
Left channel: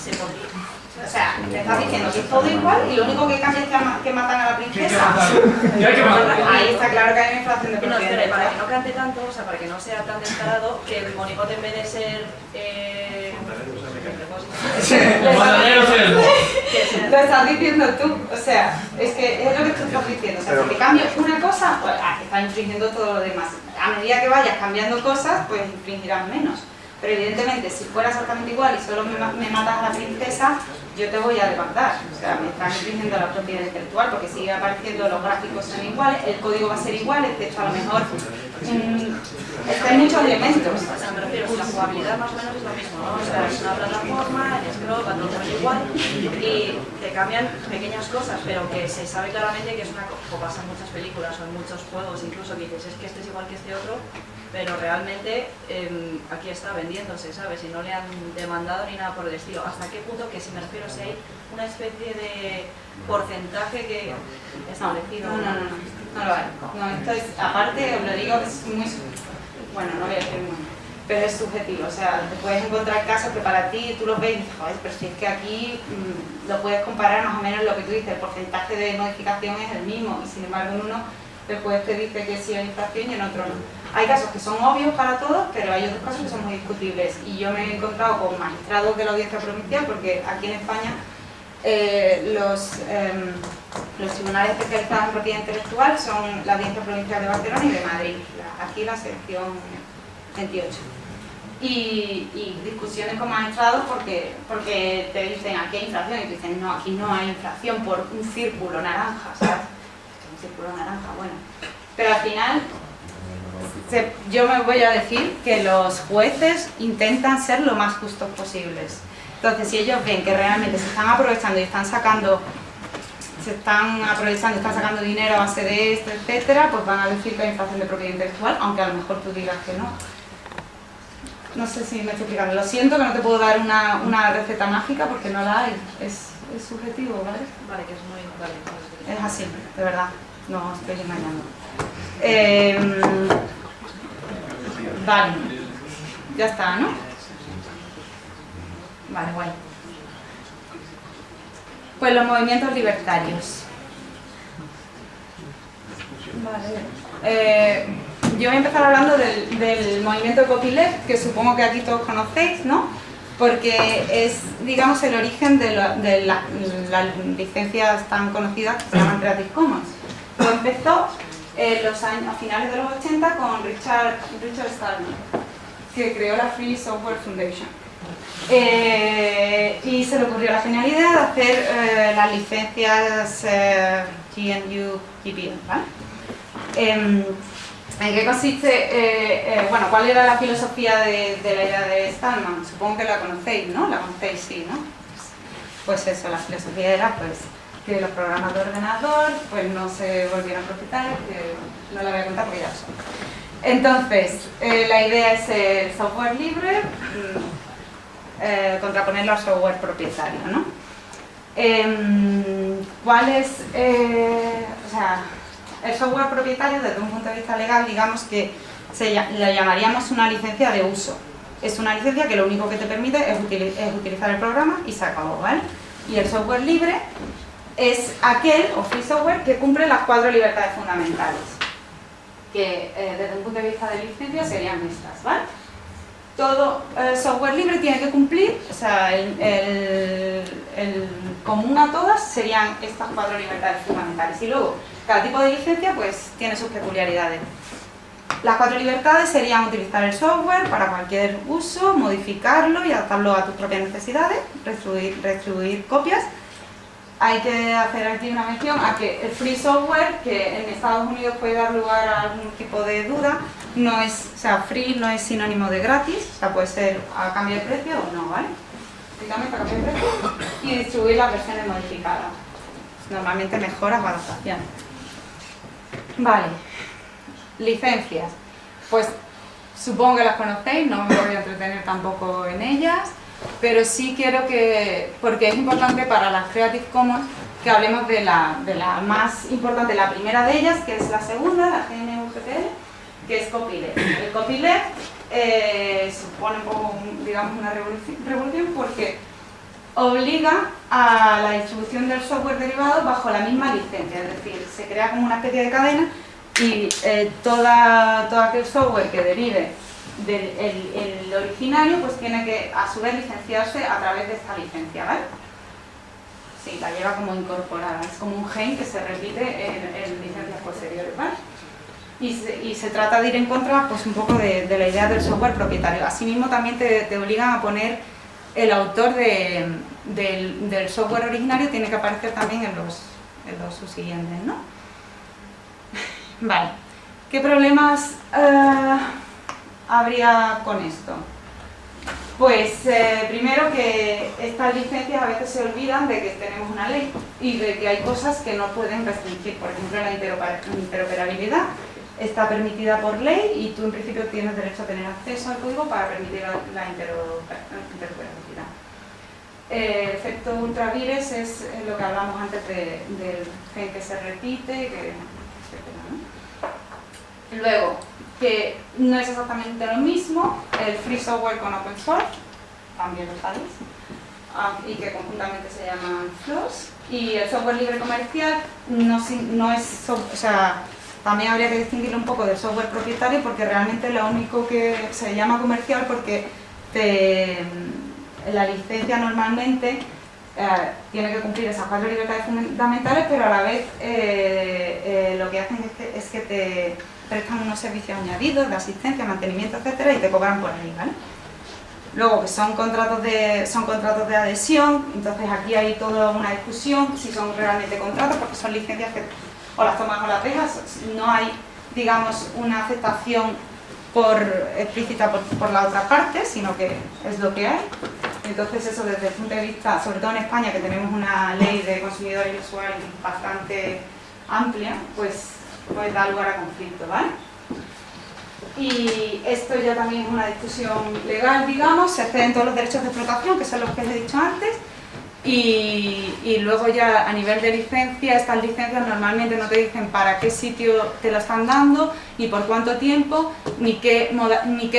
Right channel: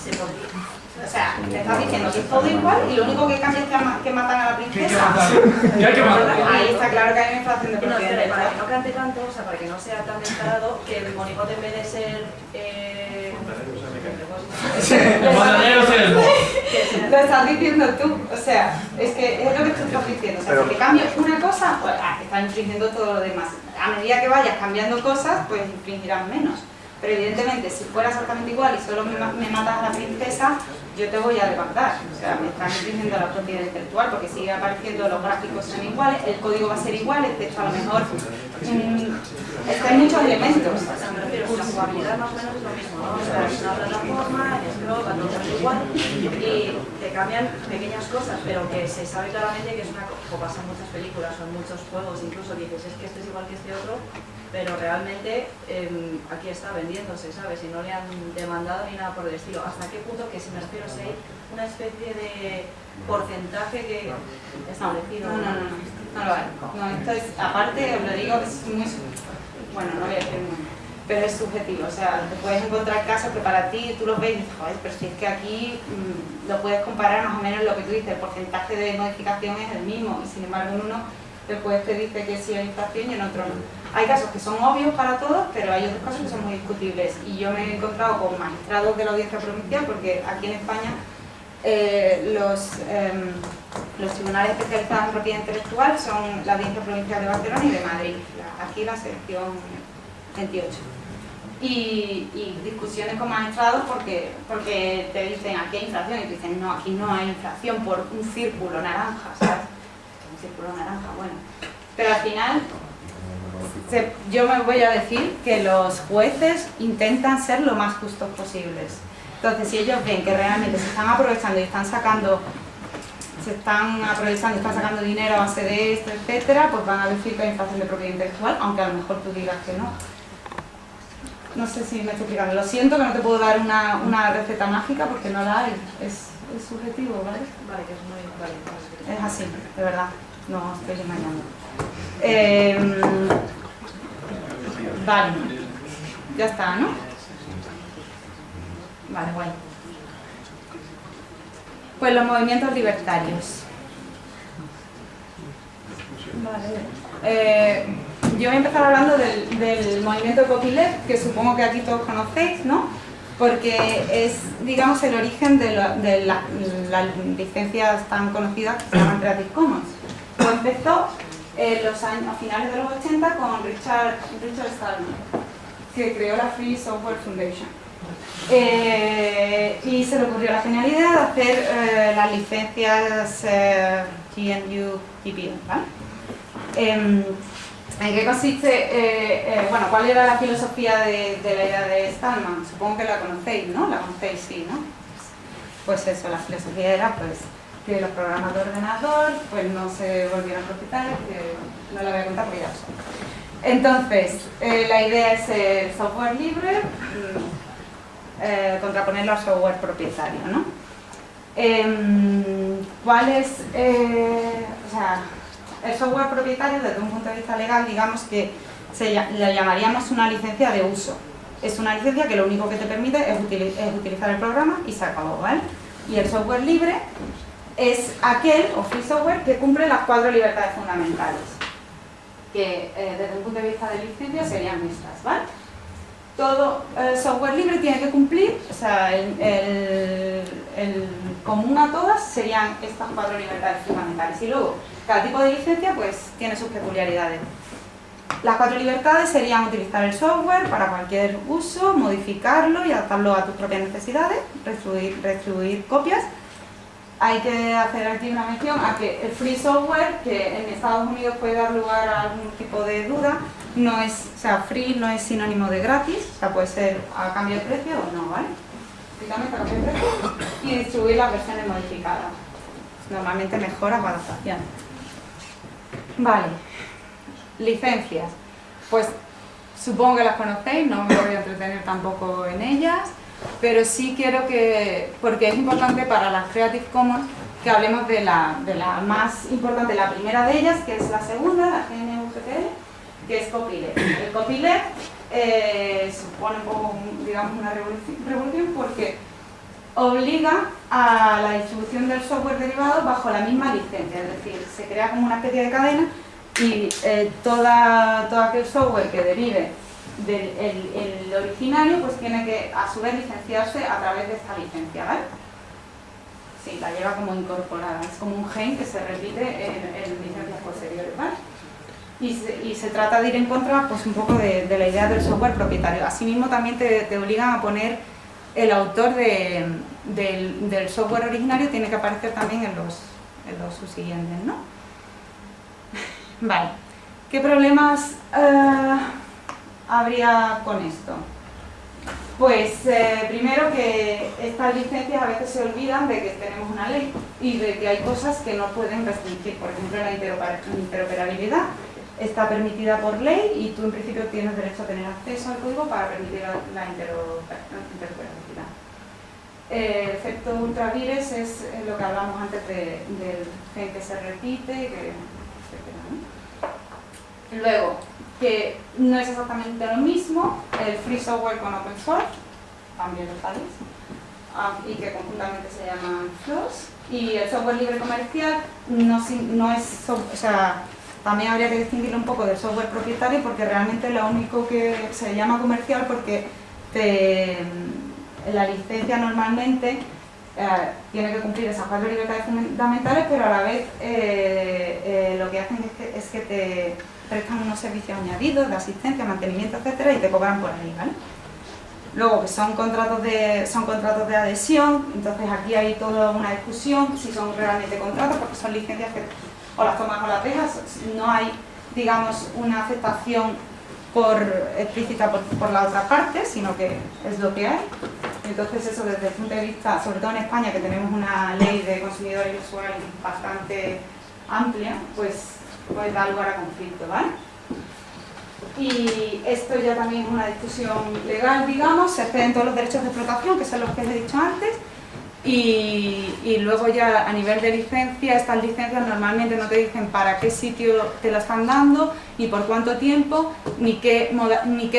se podría... O sea, te estás diciendo que es todo igual y lo único que cambia es que matan a la princesa. Ahí está claro que hay una infracción de No, propiedad. espera, para que no cante tanto, o sea, para que no sea tan descarado, que el monigote en vez de ser... Lo estás diciendo tú, o sea, es que es lo que tú estás diciendo. O sea, si te cambias una cosa, pues estás infringiendo todo lo demás. A medida que vayas cambiando cosas, pues infringirás menos. Pero evidentemente, si fuera exactamente igual y solo me matas a la princesa, yo te voy a demandar. O sea, me están infringiendo la propiedad intelectual porque sigue apareciendo, los gráficos son iguales, el código va a ser igual, de hecho a lo mejor hay muchos elementos. O sea, me refiero, la jugabilidad más o menos es lo mismo, ¿no? O sea, es una plataforma, el scroll, va todo igual y te cambian pequeñas cosas, pero que se sabe claramente que es una cosa, o pasa en muchas películas o en muchos juegos, incluso que dices, es que este es igual que este otro, pero realmente aquí está vendiéndose, ¿sabes? Y no le han demandado ni nada por el estilo. ¿Hasta qué punto? Que si me refiero, si hay una especie de porcentaje que establecido. No lo hay. No, esto es, aparte, os lo digo, es muy... Bueno, no voy a decir muy... Pero es subjetivo, o sea, te puedes encontrar casos que para ti tú los ves y dices, joder, pero si es que aquí lo puedes comparar más o menos lo que tú dices, el porcentaje de modificación es el mismo y sin embargo en uno el juez te dice que sí hay infracción y en otro no. Hay casos que son obvios para todos, pero hay otros casos que son muy discutibles y yo me he encontrado con magistrados de la audiencia provincial porque aquí en España los tribunales especializados en propiedad intelectual son la Audiencia Provincial de Barcelona y de Madrid, aquí la sección 28. Y discusiones con magistrados porque te dicen aquí hay infracción y tú dices no, aquí no hay infracción por un círculo naranja, ¿sabes? Un círculo naranja, bueno. Pero al final yo me voy a decir que los jueces intentan ser lo más justos posibles. Entonces, si ellos ven que realmente se están aprovechando y están sacando dinero a base de esto, etcétera, pues van a decir que hay infracción de propiedad intelectual, aunque a lo mejor tú digas que no. No sé si me estoy explicando. Lo siento que no te puedo dar una receta mágica porque no la hay. Es subjetivo, ¿vale? Vale, que es muy... Vale, es así, de verdad. No os estoy engañando. Vale. Ya está, ¿no? Vale, guay. Pues los movimientos libertarios. Vale. Yo voy a empezar hablando del movimiento de copyleft, que supongo que aquí todos conocéis, ¿no? Porque es, digamos, el origen de las licencias tan conocidas que se llaman Creative Commons. Lo empezó a finales de los 80 con Richard Stallman, que creó la Free Software Foundation. Y se le ocurrió la genialidad de hacer las licencias GNU GPL, ¿vale? ¿En qué consiste? Bueno, ¿cuál era la filosofía de la idea de Stallman? Supongo que la conocéis, ¿no? La conocéis, sí, ¿no? Pues eso, la filosofía era pues que los programas de ordenador pues no se volvieran propietarios, que no la voy a contar porque ya lo son. Entonces, la idea es el software libre, contraponerlo al software propietario, ¿no? ¿Cuál es, o sea, el software propietario, desde un punto de vista legal, digamos que le llamaríamos una licencia de uso. Es una licencia que lo único que te permite es utilizar el programa y se acabó, ¿vale? Y el software libre es aquel, o free software, que cumple las 4 libertades fundamentales, que desde un punto de vista de licencia serían estas, ¿vale? Todo software libre tiene que cumplir, o sea, el común a todas serían estas 4 libertades fundamentales. Y luego, cada tipo de licencia pues tiene sus peculiaridades. Las 4 libertades serían utilizar el software para cualquier uso, modificarlo y adaptarlo a tus propias necesidades, redistribuir copias. Hay que hacer aquí una mención a que el free software, que en Estados Unidos puede dar lugar a algún tipo de duda, no es, o sea, free no es sinónimo de gratis, o sea, puede ser a cambio de precio o no, ¿vale? Estrictamente a cambio de precio, y distribuir las versiones modificadas. Normalmente mejoras o adaptaciones. Vale. Licencias. Pues supongo que las conocéis, no me voy a entretener tampoco en ellas, pero sí quiero que, porque es importante para las Creative Commons, que hablemos de la más importante, la primera de ellas, que es la segunda, la GNU-GPL, que es copyleft. El copyleft supone un poco, digamos, una revolución porque obliga a la distribución del software derivado bajo la misma licencia, es decir, se crea como una especie de cadena y todo aquel software que derive del originario pues tiene que a su vez licenciarse a través de esta licencia, ¿vale? Sí, la lleva como incorporada, es como un gen que se repite en licencias posteriores, ¿vale? Y se trata de ir en contra pues un poco de la idea del software propietario. Asimismo también te obligan a poner el autor del software originario, tiene que aparecer también en los subsiguientes, ¿no? Vale, ¿qué problemas habría con esto? Pues primero que estas licencias a veces se olvidan de que tenemos una ley y de que hay cosas que no pueden restringir. Por ejemplo, la interoperabilidad está permitida por ley y tú en principio tienes derecho a tener acceso al código para permitir la interoperabilidad. El efecto ultravires es lo que hablamos antes del gen que se repite, etcétera, ¿no? Luego, que no es exactamente lo mismo el free software con open source, también lo sabéis, y que conjuntamente se llaman FLOSS, y el software libre comercial no es, o sea, también habría que distinguirlo un poco del software propietario porque realmente lo único que se llama comercial porque la licencia normalmente tiene que cumplir esas 4 libertades fundamentales, pero a la vez lo que hacen es que te prestan unos servicios añadidos de asistencia, mantenimiento, etcétera, y te cobran por ahí, ¿vale? Luego que son contratos de adhesión, entonces aquí hay toda una discusión si son realmente contratos, porque son licencias que o las tomas o las dejas, no hay, digamos, una aceptación explícita por la otra parte, sino que es lo que hay. Entonces eso desde el punto de vista, sobre todo en España, que tenemos una ley de consumidores y usuarios bastante amplia, pues da lugar a conflicto, ¿vale? Y esto ya también es una discusión legal, digamos, se exceden todos los derechos de explotación, que son los que os he dicho antes, y luego ya a nivel de licencia, estas licencias normalmente no te dicen para qué sitio te lo están dando, ni por cuánto tiempo, ni qué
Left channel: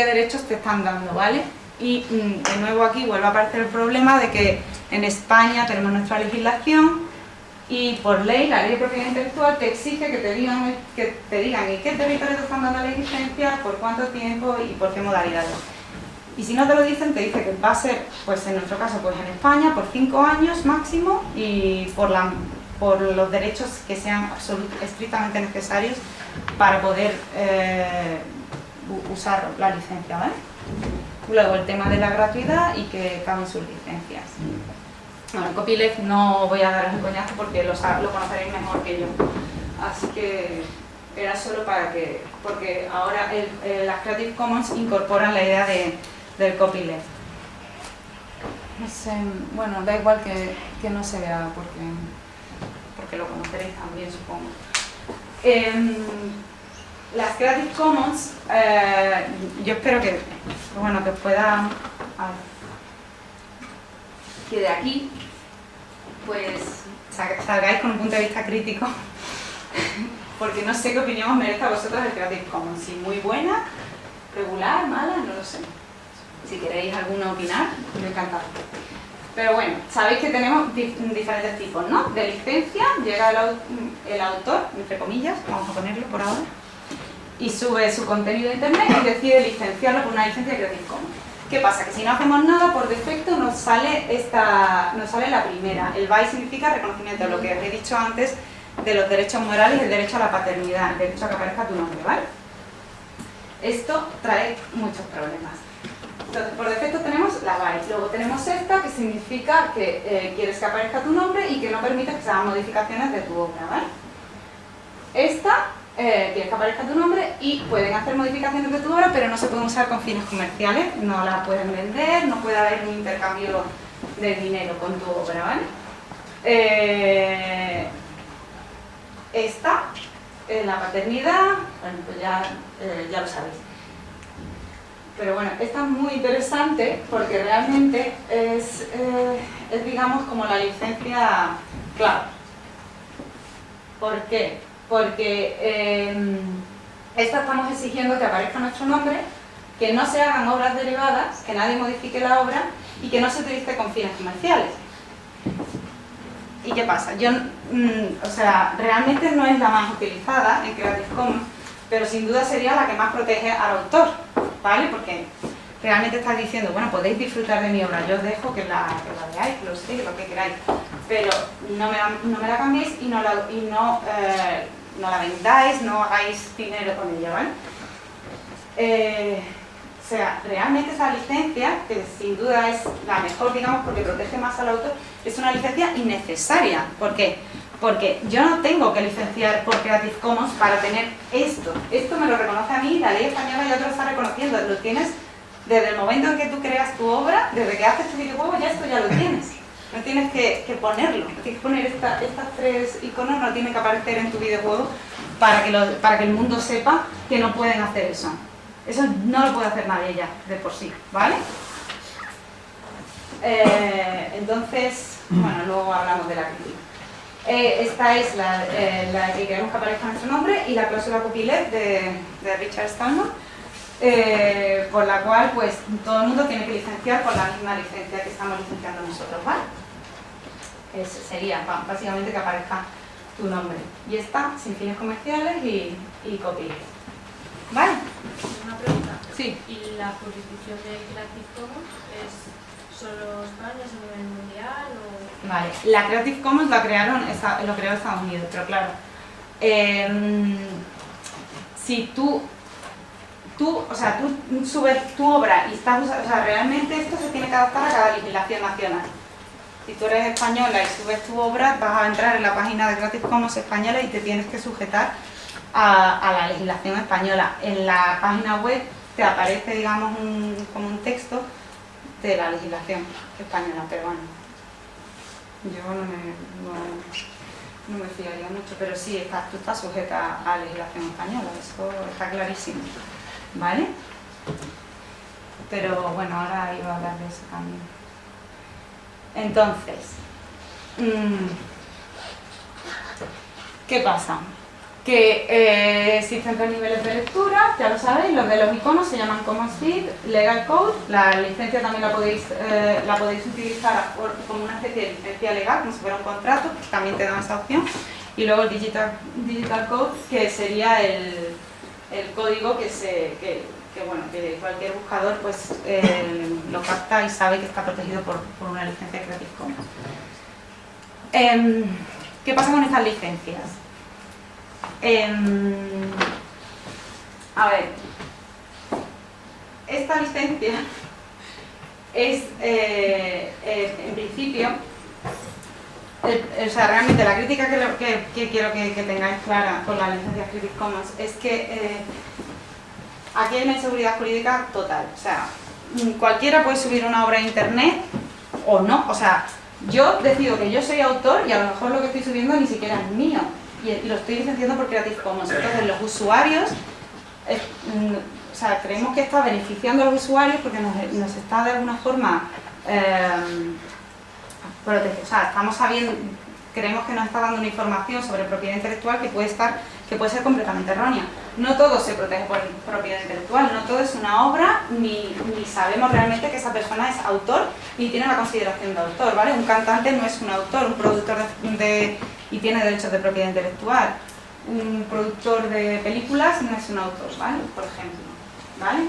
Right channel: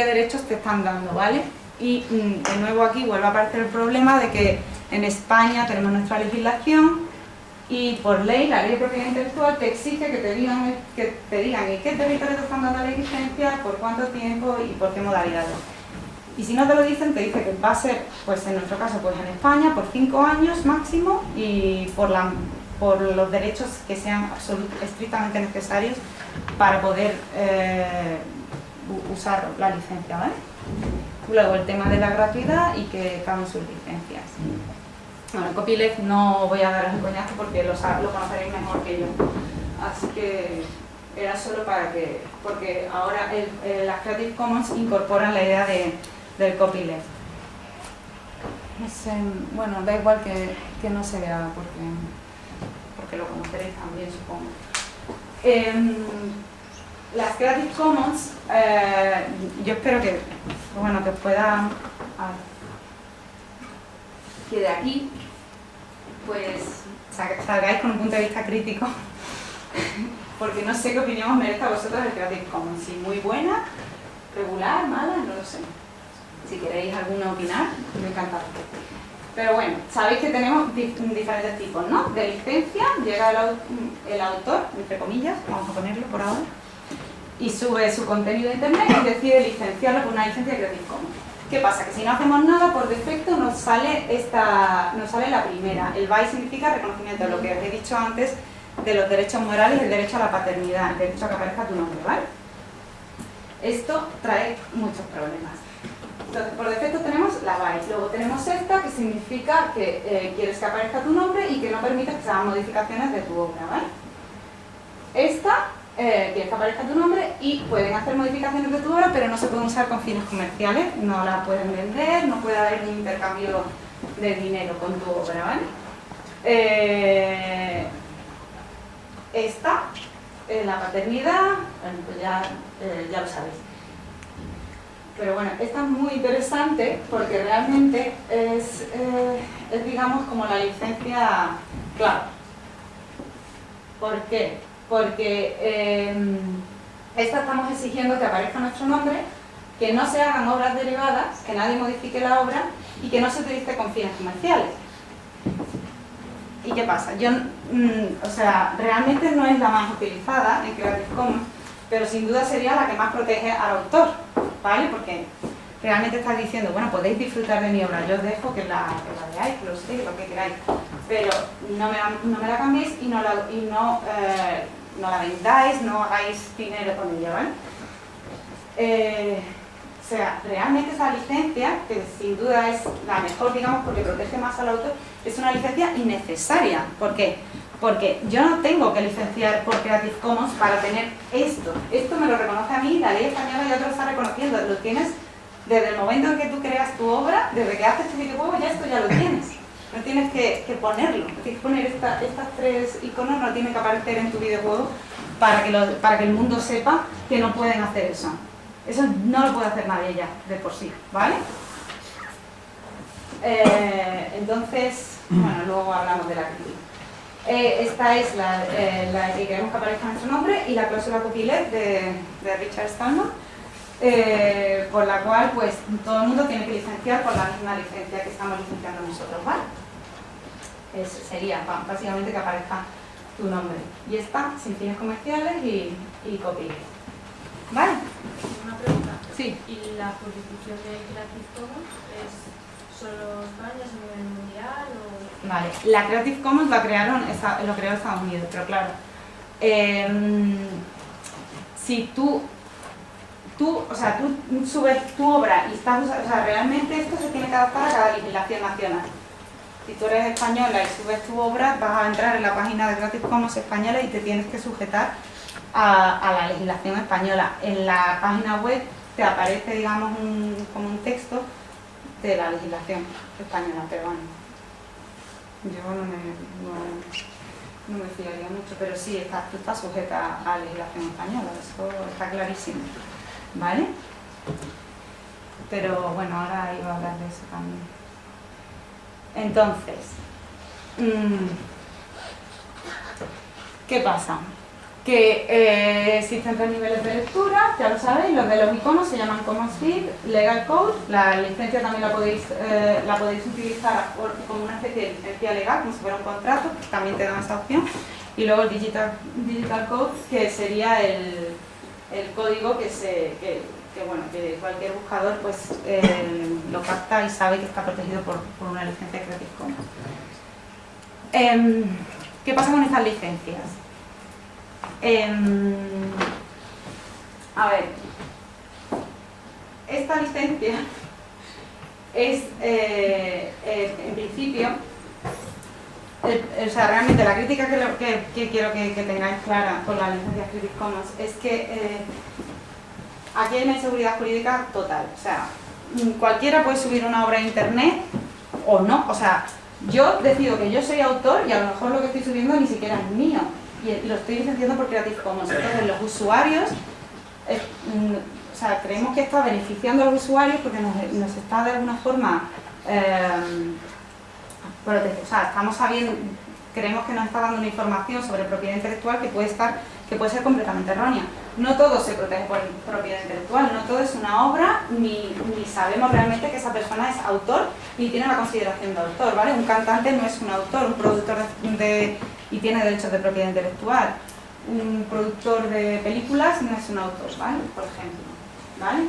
derechos te están dando, ¿vale? Y de nuevo aquí vuelve a aparecer el problema de que en España tenemos nuestra legislación y por ley, la ley de propiedad intelectual te exige que te digan en qué territorio te están dando la licencia, por cuánto tiempo y por qué modalidades. Y si no te lo dicen, te dice que va a ser, pues en nuestro caso, pues en España, por 5 años máximo y por los derechos que sean estrictamente necesarios para poder usar la licencia, ¿vale? Luego el tema de la gratuidad y que caben sus licencias. Bueno, el copyleft no voy a daros un coñazo porque lo conoceréis mejor que yo. Así que era solo para que, porque ahora las Creative Commons incorporan la idea del copyleft. No sé, bueno, da igual que no se vea porque lo conoceréis también, supongo. Las Creative Commons, yo espero que pueda, que de aquí pues salgáis con un punto de vista crítico porque no sé qué opinión os merece a vosotros el Creative Commons. Si muy buena, regular, mala, no lo sé. Si queréis alguna opinar, me encanta. Pero bueno, sabéis que tenemos diferentes tipos, ¿no? De licencia, llega el autor, entre comillas, vamos a ponerlo por ahora, y sube su contenido a internet y decide licenciarlo con una licencia de Creative Commons. ¿Qué pasa? Que si no hacemos nada, por defecto nos sale la primera. El BY significa reconocimiento, lo que os he dicho antes de los derechos morales y el derecho a la paternidad, el derecho a que aparezca tu nombre, ¿vale? Esto trae muchos problemas. Entonces, por defecto tenemos la BY, luego tenemos esta, que significa que quieres que aparezca tu nombre y que no permites que se hagan modificaciones de tu obra, ¿vale? Esta, quieres que aparezca tu nombre y pueden hacer modificaciones de tu obra, pero no se pueden usar con fines comerciales, no la pueden vender, no puede haber un intercambio de dinero con tu obra, ¿vale? Esta, la paternidad, bueno, pues ya lo sabéis. Pero bueno, esta es muy interesante porque realmente es digamos, como la licencia clave. ¿Por qué? Porque esta estamos exigiendo que aparezca nuestro nombre, que no se hagan obras derivadas, que nadie modifique la obra y que no se utilice con fines comerciales. ¿Y qué pasa? O sea, realmente no es la más utilizada en Creative Commons, pero sin duda sería la que más protege al autor, ¿vale? Porque realmente estás diciendo, bueno, podéis disfrutar de mi obra, yo os dejo que la veáis, que lo sé, lo que queráis, pero no me la cambiéis y no la vendáis, no hagáis dinero con ella, ¿vale? O sea, realmente esa licencia, que sin duda es la mejor, digamos, porque protege más al autor, es una licencia innecesaria. ¿Por qué? Porque yo no tengo que licenciar por Creative Commons para tener esto. Esto me lo reconoce a mí, la ley española ya te lo está reconociendo. Lo tienes desde el momento en que tú creas tu obra, desde que haces tu videojuego, ya esto ya lo tienes. No tienes que ponerlo, no tienes que poner estas tres iconos, no tienen que aparecer en tu videojuego para que el mundo sepa que no pueden hacer eso. Eso no lo puede hacer nadie ya, de por sí, ¿vale? Entonces, bueno, luego hablamos de la crítica. Esta es la que queremos que aparezca nuestro nombre y la cláusula copyleft de Richard Stallman, por la cual pues todo el mundo tiene que licenciar con la misma licencia que estamos licenciando nosotros, ¿vale? Sería básicamente que aparezca tu nombre. Y esta sin fines comerciales y copyleft. ¿Vale? Una pregunta. Sí. ¿Y la jurisdicción de Creative Commons es solo España, es a nivel mundial o...? Vale, la Creative Commons lo creó Estados Unidos, pero claro, si tú subes tu obra y estás usando, o sea, realmente esto se tiene que adaptar a cada legislación nacional. Si tú eres española y subes tu obra, vas a entrar en la página de Creative Commons española y te tienes que sujetar a la legislación española. En la página web te aparece, digamos, como un texto de la legislación española, pero bueno, yo no me fiaría mucho, pero sí, tú estás sujeta a la legislación española, eso está clarísimo, ¿vale? Pero bueno, ahora iba a hablar de eso también. Entonces, ¿qué pasa? Que existen 3 niveles de lectura, ya lo sabéis, los de los iconos se llaman Common Speed, Legal Code, la licencia también la podéis utilizar como una especie de licencia legal, como si fuera un contrato, que también te dan esa opción, y luego el Digital Code, que sería el código que cualquier buscador pues lo capta y sabe que está protegido por una licencia Creative Commons. ¿Qué pasa con estas licencias? A ver, esta licencia es, en principio, o sea, realmente la crítica que quiero que tengáis clara con la licencia Creative Commons es que aquí hay una inseguridad jurídica total. O sea, cualquiera puede subir una obra a internet o no. O sea, yo decido que yo soy autor y a lo mejor lo que estoy subiendo ni siquiera es mío. Y lo estoy licenciando por Creative Commons. Entonces los usuarios, o sea, creemos que está beneficiando a los usuarios porque nos está de alguna forma protegiendo. O sea, creemos que nos está dando una información sobre propiedad intelectual que puede estar que puede ser completamente errónea. No todo se protege por propiedad intelectual, no todo es una obra, ni sabemos realmente que esa persona es autor, ni tiene la consideración de autor, ¿vale? Un cantante no es un autor, un productor y tiene derechos de propiedad intelectual. Un productor de películas no es un autor, ¿vale? Por ejemplo, ¿vale?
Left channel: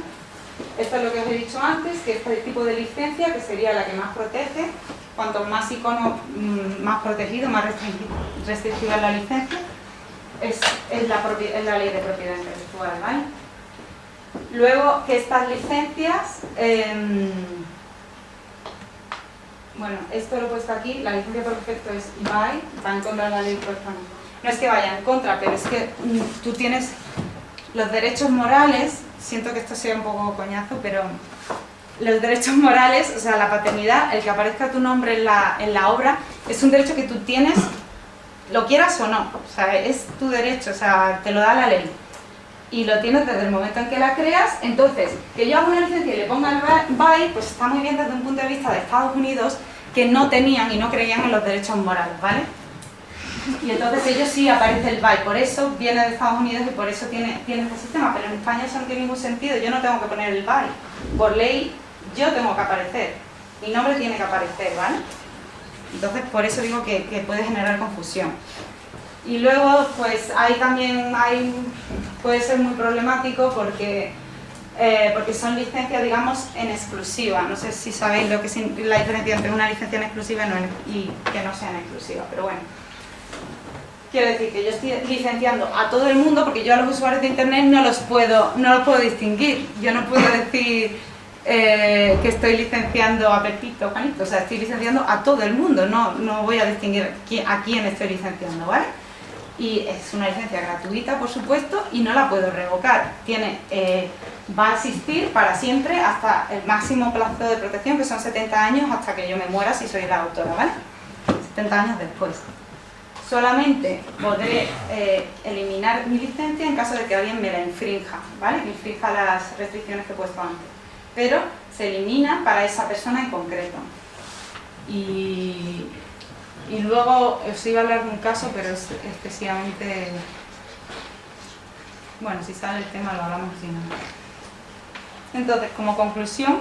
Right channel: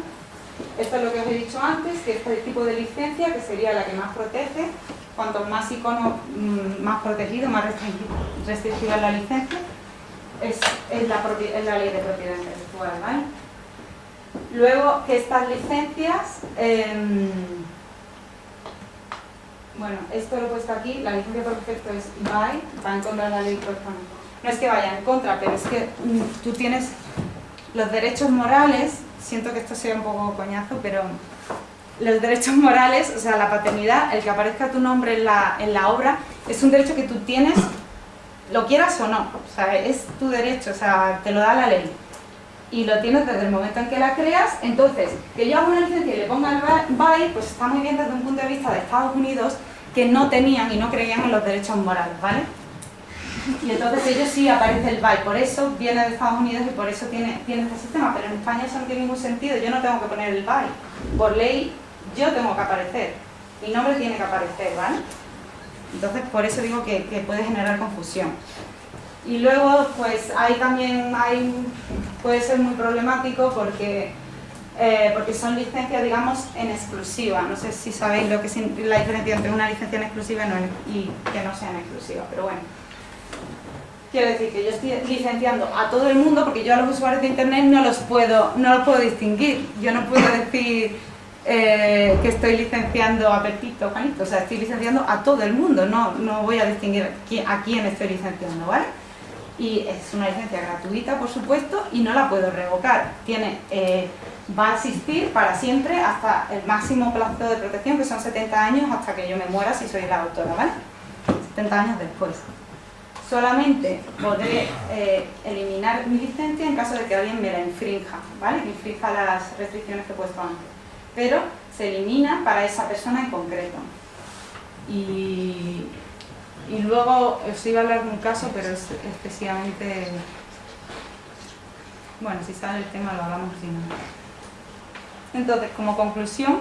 Esto es lo que os he dicho antes, que este tipo de licencia, que sería la que más protege, cuanto más icono, más protegido, más restringida es la licencia, es la ley de propiedad intelectual, ¿vale? Luego, que estas licencias, bueno, esto lo he puesto aquí, la licencia por defecto es va en contra de la ley por ejemplo. No es que vaya en contra, pero es que tú tienes los derechos morales, siento que esto sea un poco coñazo, pero los derechos morales, o sea, la paternidad, el que aparezca tu nombre en la obra, es un derecho que tú tienes, lo quieras o no, o sea, es tu derecho, o sea, te lo da la ley. Y lo tienes desde el momento en que la creas, entonces, que yo haga una licencia y le ponga el BY, pues está muy bien desde un punto de vista de Estados Unidos, que no tenían y no creían en los derechos morales, ¿vale? Y entonces ellos sí aparece el BY, por eso viene de Estados Unidos y por eso tiene este sistema, pero en España eso no tiene ningún sentido, yo no tengo que poner el BY, por ley yo tengo que aparecer, mi nombre tiene que aparecer, ¿vale? Entonces por eso digo que puede generar confusión. Y luego pues puede ser muy problemático porque son licencias, digamos, en exclusiva. No sé si sabéis lo que es la diferencia entre una licencia en exclusiva y que no sea en exclusiva, pero bueno. Quiero decir que yo estoy licenciando a todo el mundo porque yo a los usuarios de internet no los puedo distinguir. Yo no puedo decir que estoy licenciando a Pepito o Juanito, o sea, estoy licenciando a todo el mundo, no voy a distinguir a quién estoy licenciando, ¿vale? Y es una licencia gratuita, por supuesto, y no la puedo revocar. Va a existir para siempre hasta el máximo plazo de protección, que son 70 años, hasta que yo me muera si soy la autora, ¿vale? 70 años después. Solamente podré eliminar mi licencia en caso de que alguien me la infrinja, ¿vale? Que infrinja las restricciones que he puesto antes. Pero se elimina para esa persona en concreto. Y luego os iba a hablar de un caso, pero es excesivamente... Bueno, si sale el tema lo hablamos si no. Entonces, como conclusión,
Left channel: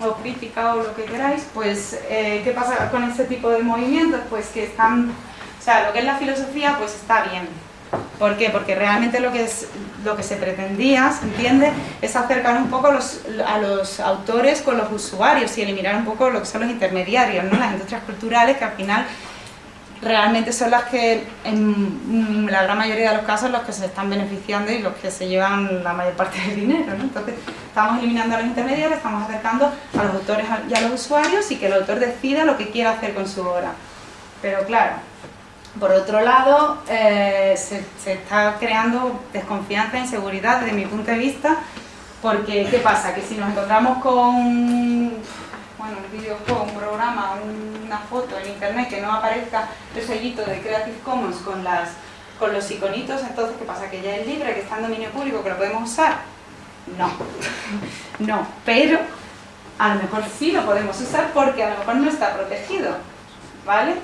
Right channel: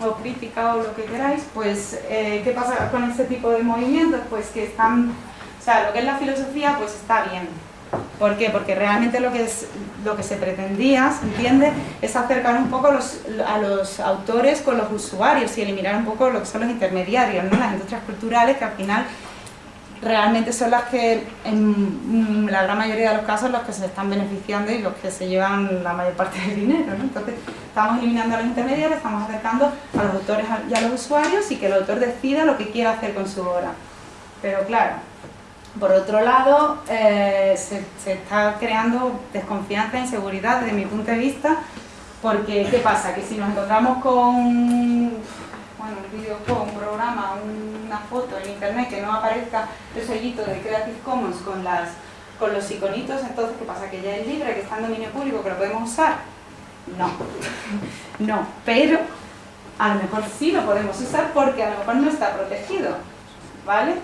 o crítica o lo que queráis, pues ¿qué pasa con este tipo de movimientos? Pues que están... O sea, lo que es la filosofía, pues está bien. ¿Por qué? Porque realmente lo que se pretendía, ¿se entiende?, es acercar un poco a los autores con los usuarios y eliminar un poco lo que son los intermediarios, ¿no? Las industrias culturales, que al final realmente son las que, en la gran mayoría de los casos, los que se están beneficiando y los que se llevan la mayor parte del dinero, ¿no? Entonces, estamos eliminando a los intermediarios, estamos acercando a los autores y a los usuarios y que el autor decida lo que quiera hacer con su obra. Pero claro, por otro lado, se está creando desconfianza e inseguridad desde mi punto de vista, porque ¿qué pasa? Que si nos encontramos con un videojuego, un programa, una foto en internet que no aparezca el sellito de Creative Commons con los iconitos, entonces ¿qué pasa? ¿Que ya es libre, que está en dominio público, que lo podemos usar? No, no, pero a lo mejor sí lo podemos usar porque a lo mejor no está protegido, ¿vale?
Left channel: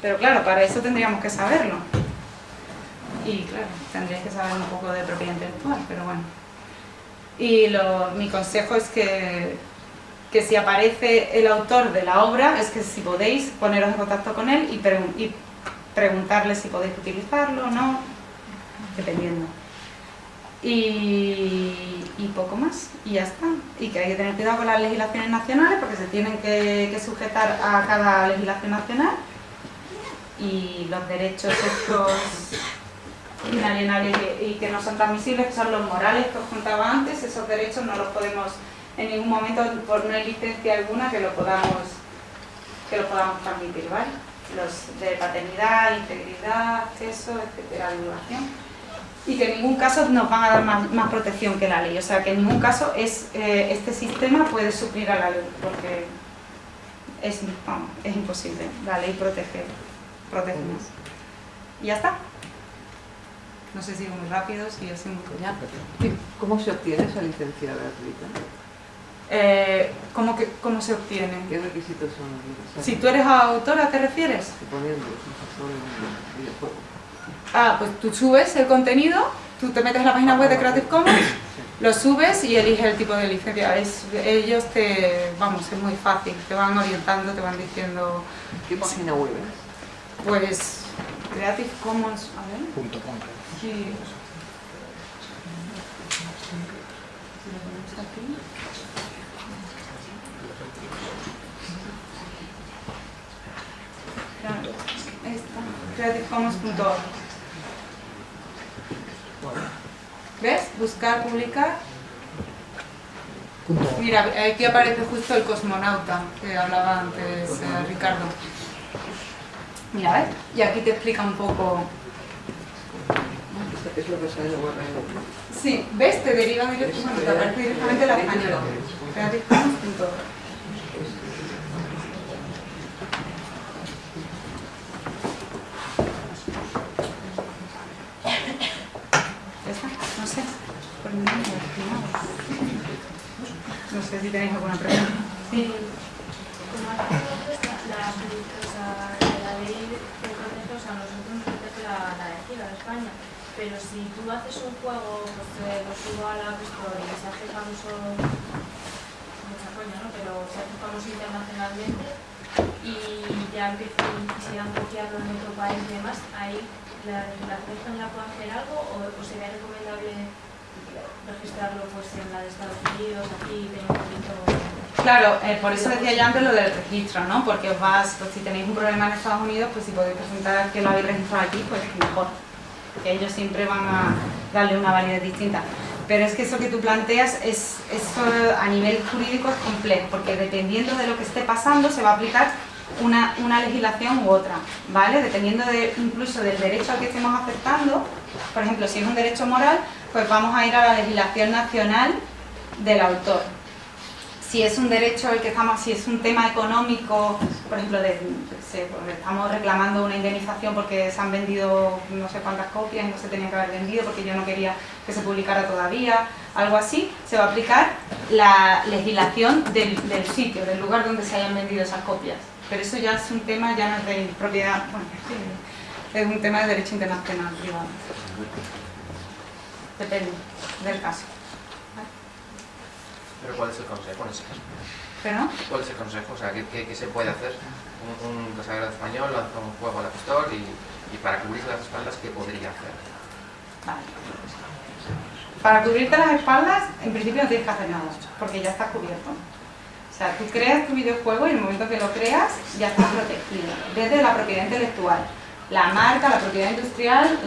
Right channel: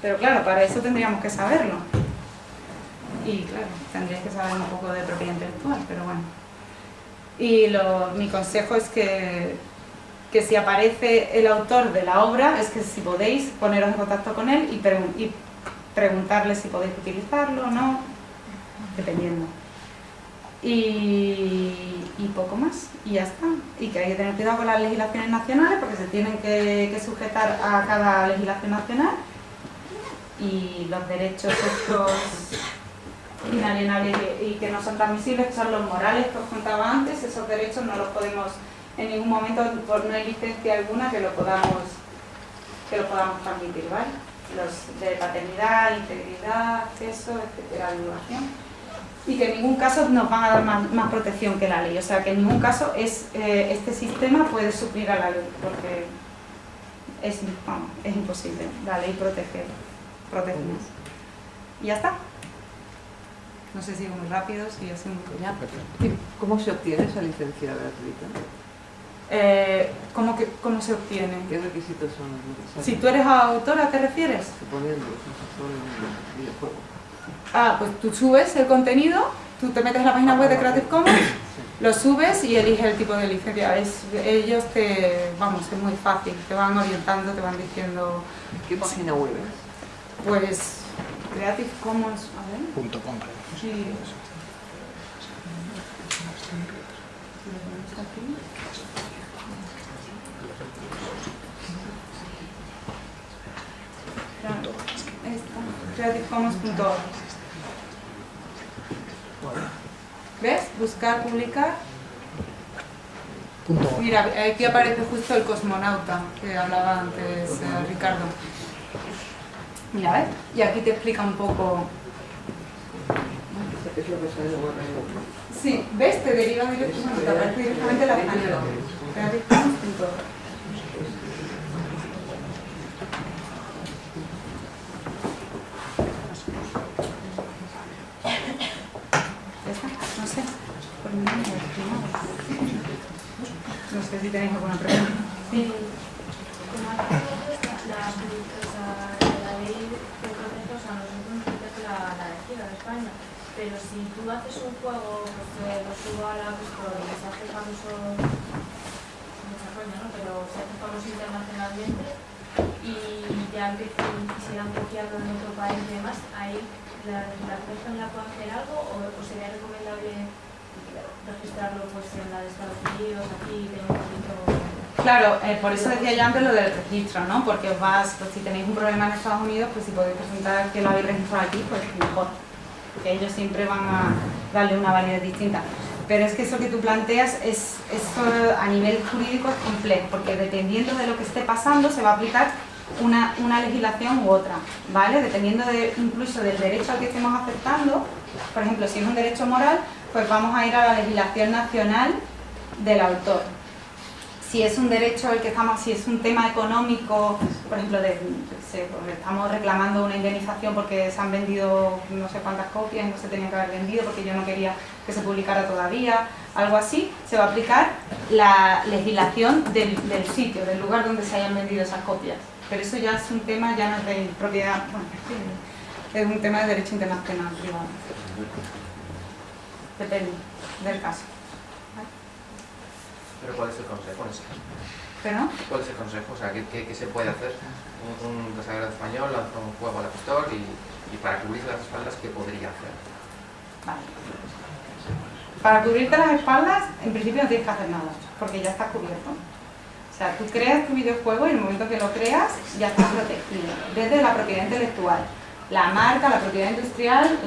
Pero claro, para eso tendríamos que saberlo. Y claro, tendríais que saber un poco de propiedad intelectual, pero bueno. Y mi consejo es que si aparece el autor de la obra, es que si podéis poneros en contacto con él y preguntarle si podéis utilizarlo o no, dependiendo. Y poco más, y ya está. Y que hay que tener cuidado con las legislaciones nacionales porque se tienen que sujetar a cada legislación nacional. Y los derechos estos inalienables y que no son transmisibles, que son los morales que os contaba antes, esos derechos no los podemos en ningún momento, por no hay licencia alguna, que los podamos transmitir, ¿vale? Los de paternidad, integridad, acceso, etcétera, divulgación. Y que en ningún caso nos van a dar más protección que la ley, o sea que en ningún caso este sistema puede suplir a la ley, porque es imposible, la ley protege más. Y ya está. No sé si sigo muy rápido, si yo soy muy coñazo. ¿Cómo se obtiene esa licencia gratuita? ¿Cómo se obtiene? ¿Qué requisitos son necesarios? Si tú eres autora, ¿te refieres? Suponiendo que son un videojuego. pues tú subes el contenido, tú te metes en la página web de Creative Commons, lo subes y eliges el tipo de licencia. Ellos vamos, es muy fácil, te van orientando, te van diciendo... ¿Qué página web es? Pues Creative Commons, a ver... .com, creo. Sí. Si lo ponemos aquí. creativecommons.org. ¿Ves? Buscar, publicar. Mira, aquí aparece justo el cosmonauta que hablaba antes Ricardo. Mira, ¿ves? Y aquí te explica un poco. Es lo que sale de web. Sí, ¿ves? Te deriva directamente, te aparece directamente la española. creativecommons.org. No sé, por mi nombre, no sé si tenéis alguna pregunta. Sí. Como hace la ley de procesos, a nosotros nos protege la legislación de España, pero si tú haces un juego, pues lo subo a la App Store y se hace famoso, mucha coña, ¿no? Pero se hace famoso internacionalmente y ya quisieran copiarlo en otro país y demás, ahí ¿la legislación española puede hacer algo o sería recomendable registrarlo pues en la de Estados Unidos, aquí, tener un poquito... Claro, por eso decía yo antes lo del registro, ¿no? Porque pues si tenéis un problema en Estados Unidos, pues si podéis presentar que lo habéis registrado aquí, pues mejor. Que ellos siempre van a darle una validez distinta. Pero es que eso que tú planteas, eso a nivel jurídico es complejo, porque dependiendo de lo que esté pasando, se va a aplicar una legislación u otra, ¿vale? Dependiendo incluso del derecho al que estemos aceptando. Por ejemplo, si es un derecho moral, pues vamos a ir a la legislación nacional del autor. Si es un derecho el que estamos, si es un tema económico, por ejemplo, estamos reclamando una indemnización porque se han vendido no sé cuántas copias y no se tenían que haber vendido porque yo no quería que se publicara todavía, algo así, se va a aplicar la legislación del sitio, del lugar donde se hayan vendido esas copias. Pero eso ya es un tema, ya no es de propiedad, bueno, sí, es un tema de derecho internacional privado. Depende del caso. ¿Pero cuál es el consejo en ese caso? ¿Pero? ¿Cuál es el consejo? O sea, ¿qué se puede hacer? Un desarrollador español lanza un juego al App Store y para cubrirse las espaldas, ¿qué podría hacer? Vale. Para cubrirte las espaldas, en principio no tienes que hacer nada, porque ya está cubierto. O sea, tú creas tu videojuego y en el momento que lo creas, ya está protegido. Desde la propiedad intelectual, la marca, la propiedad industrial,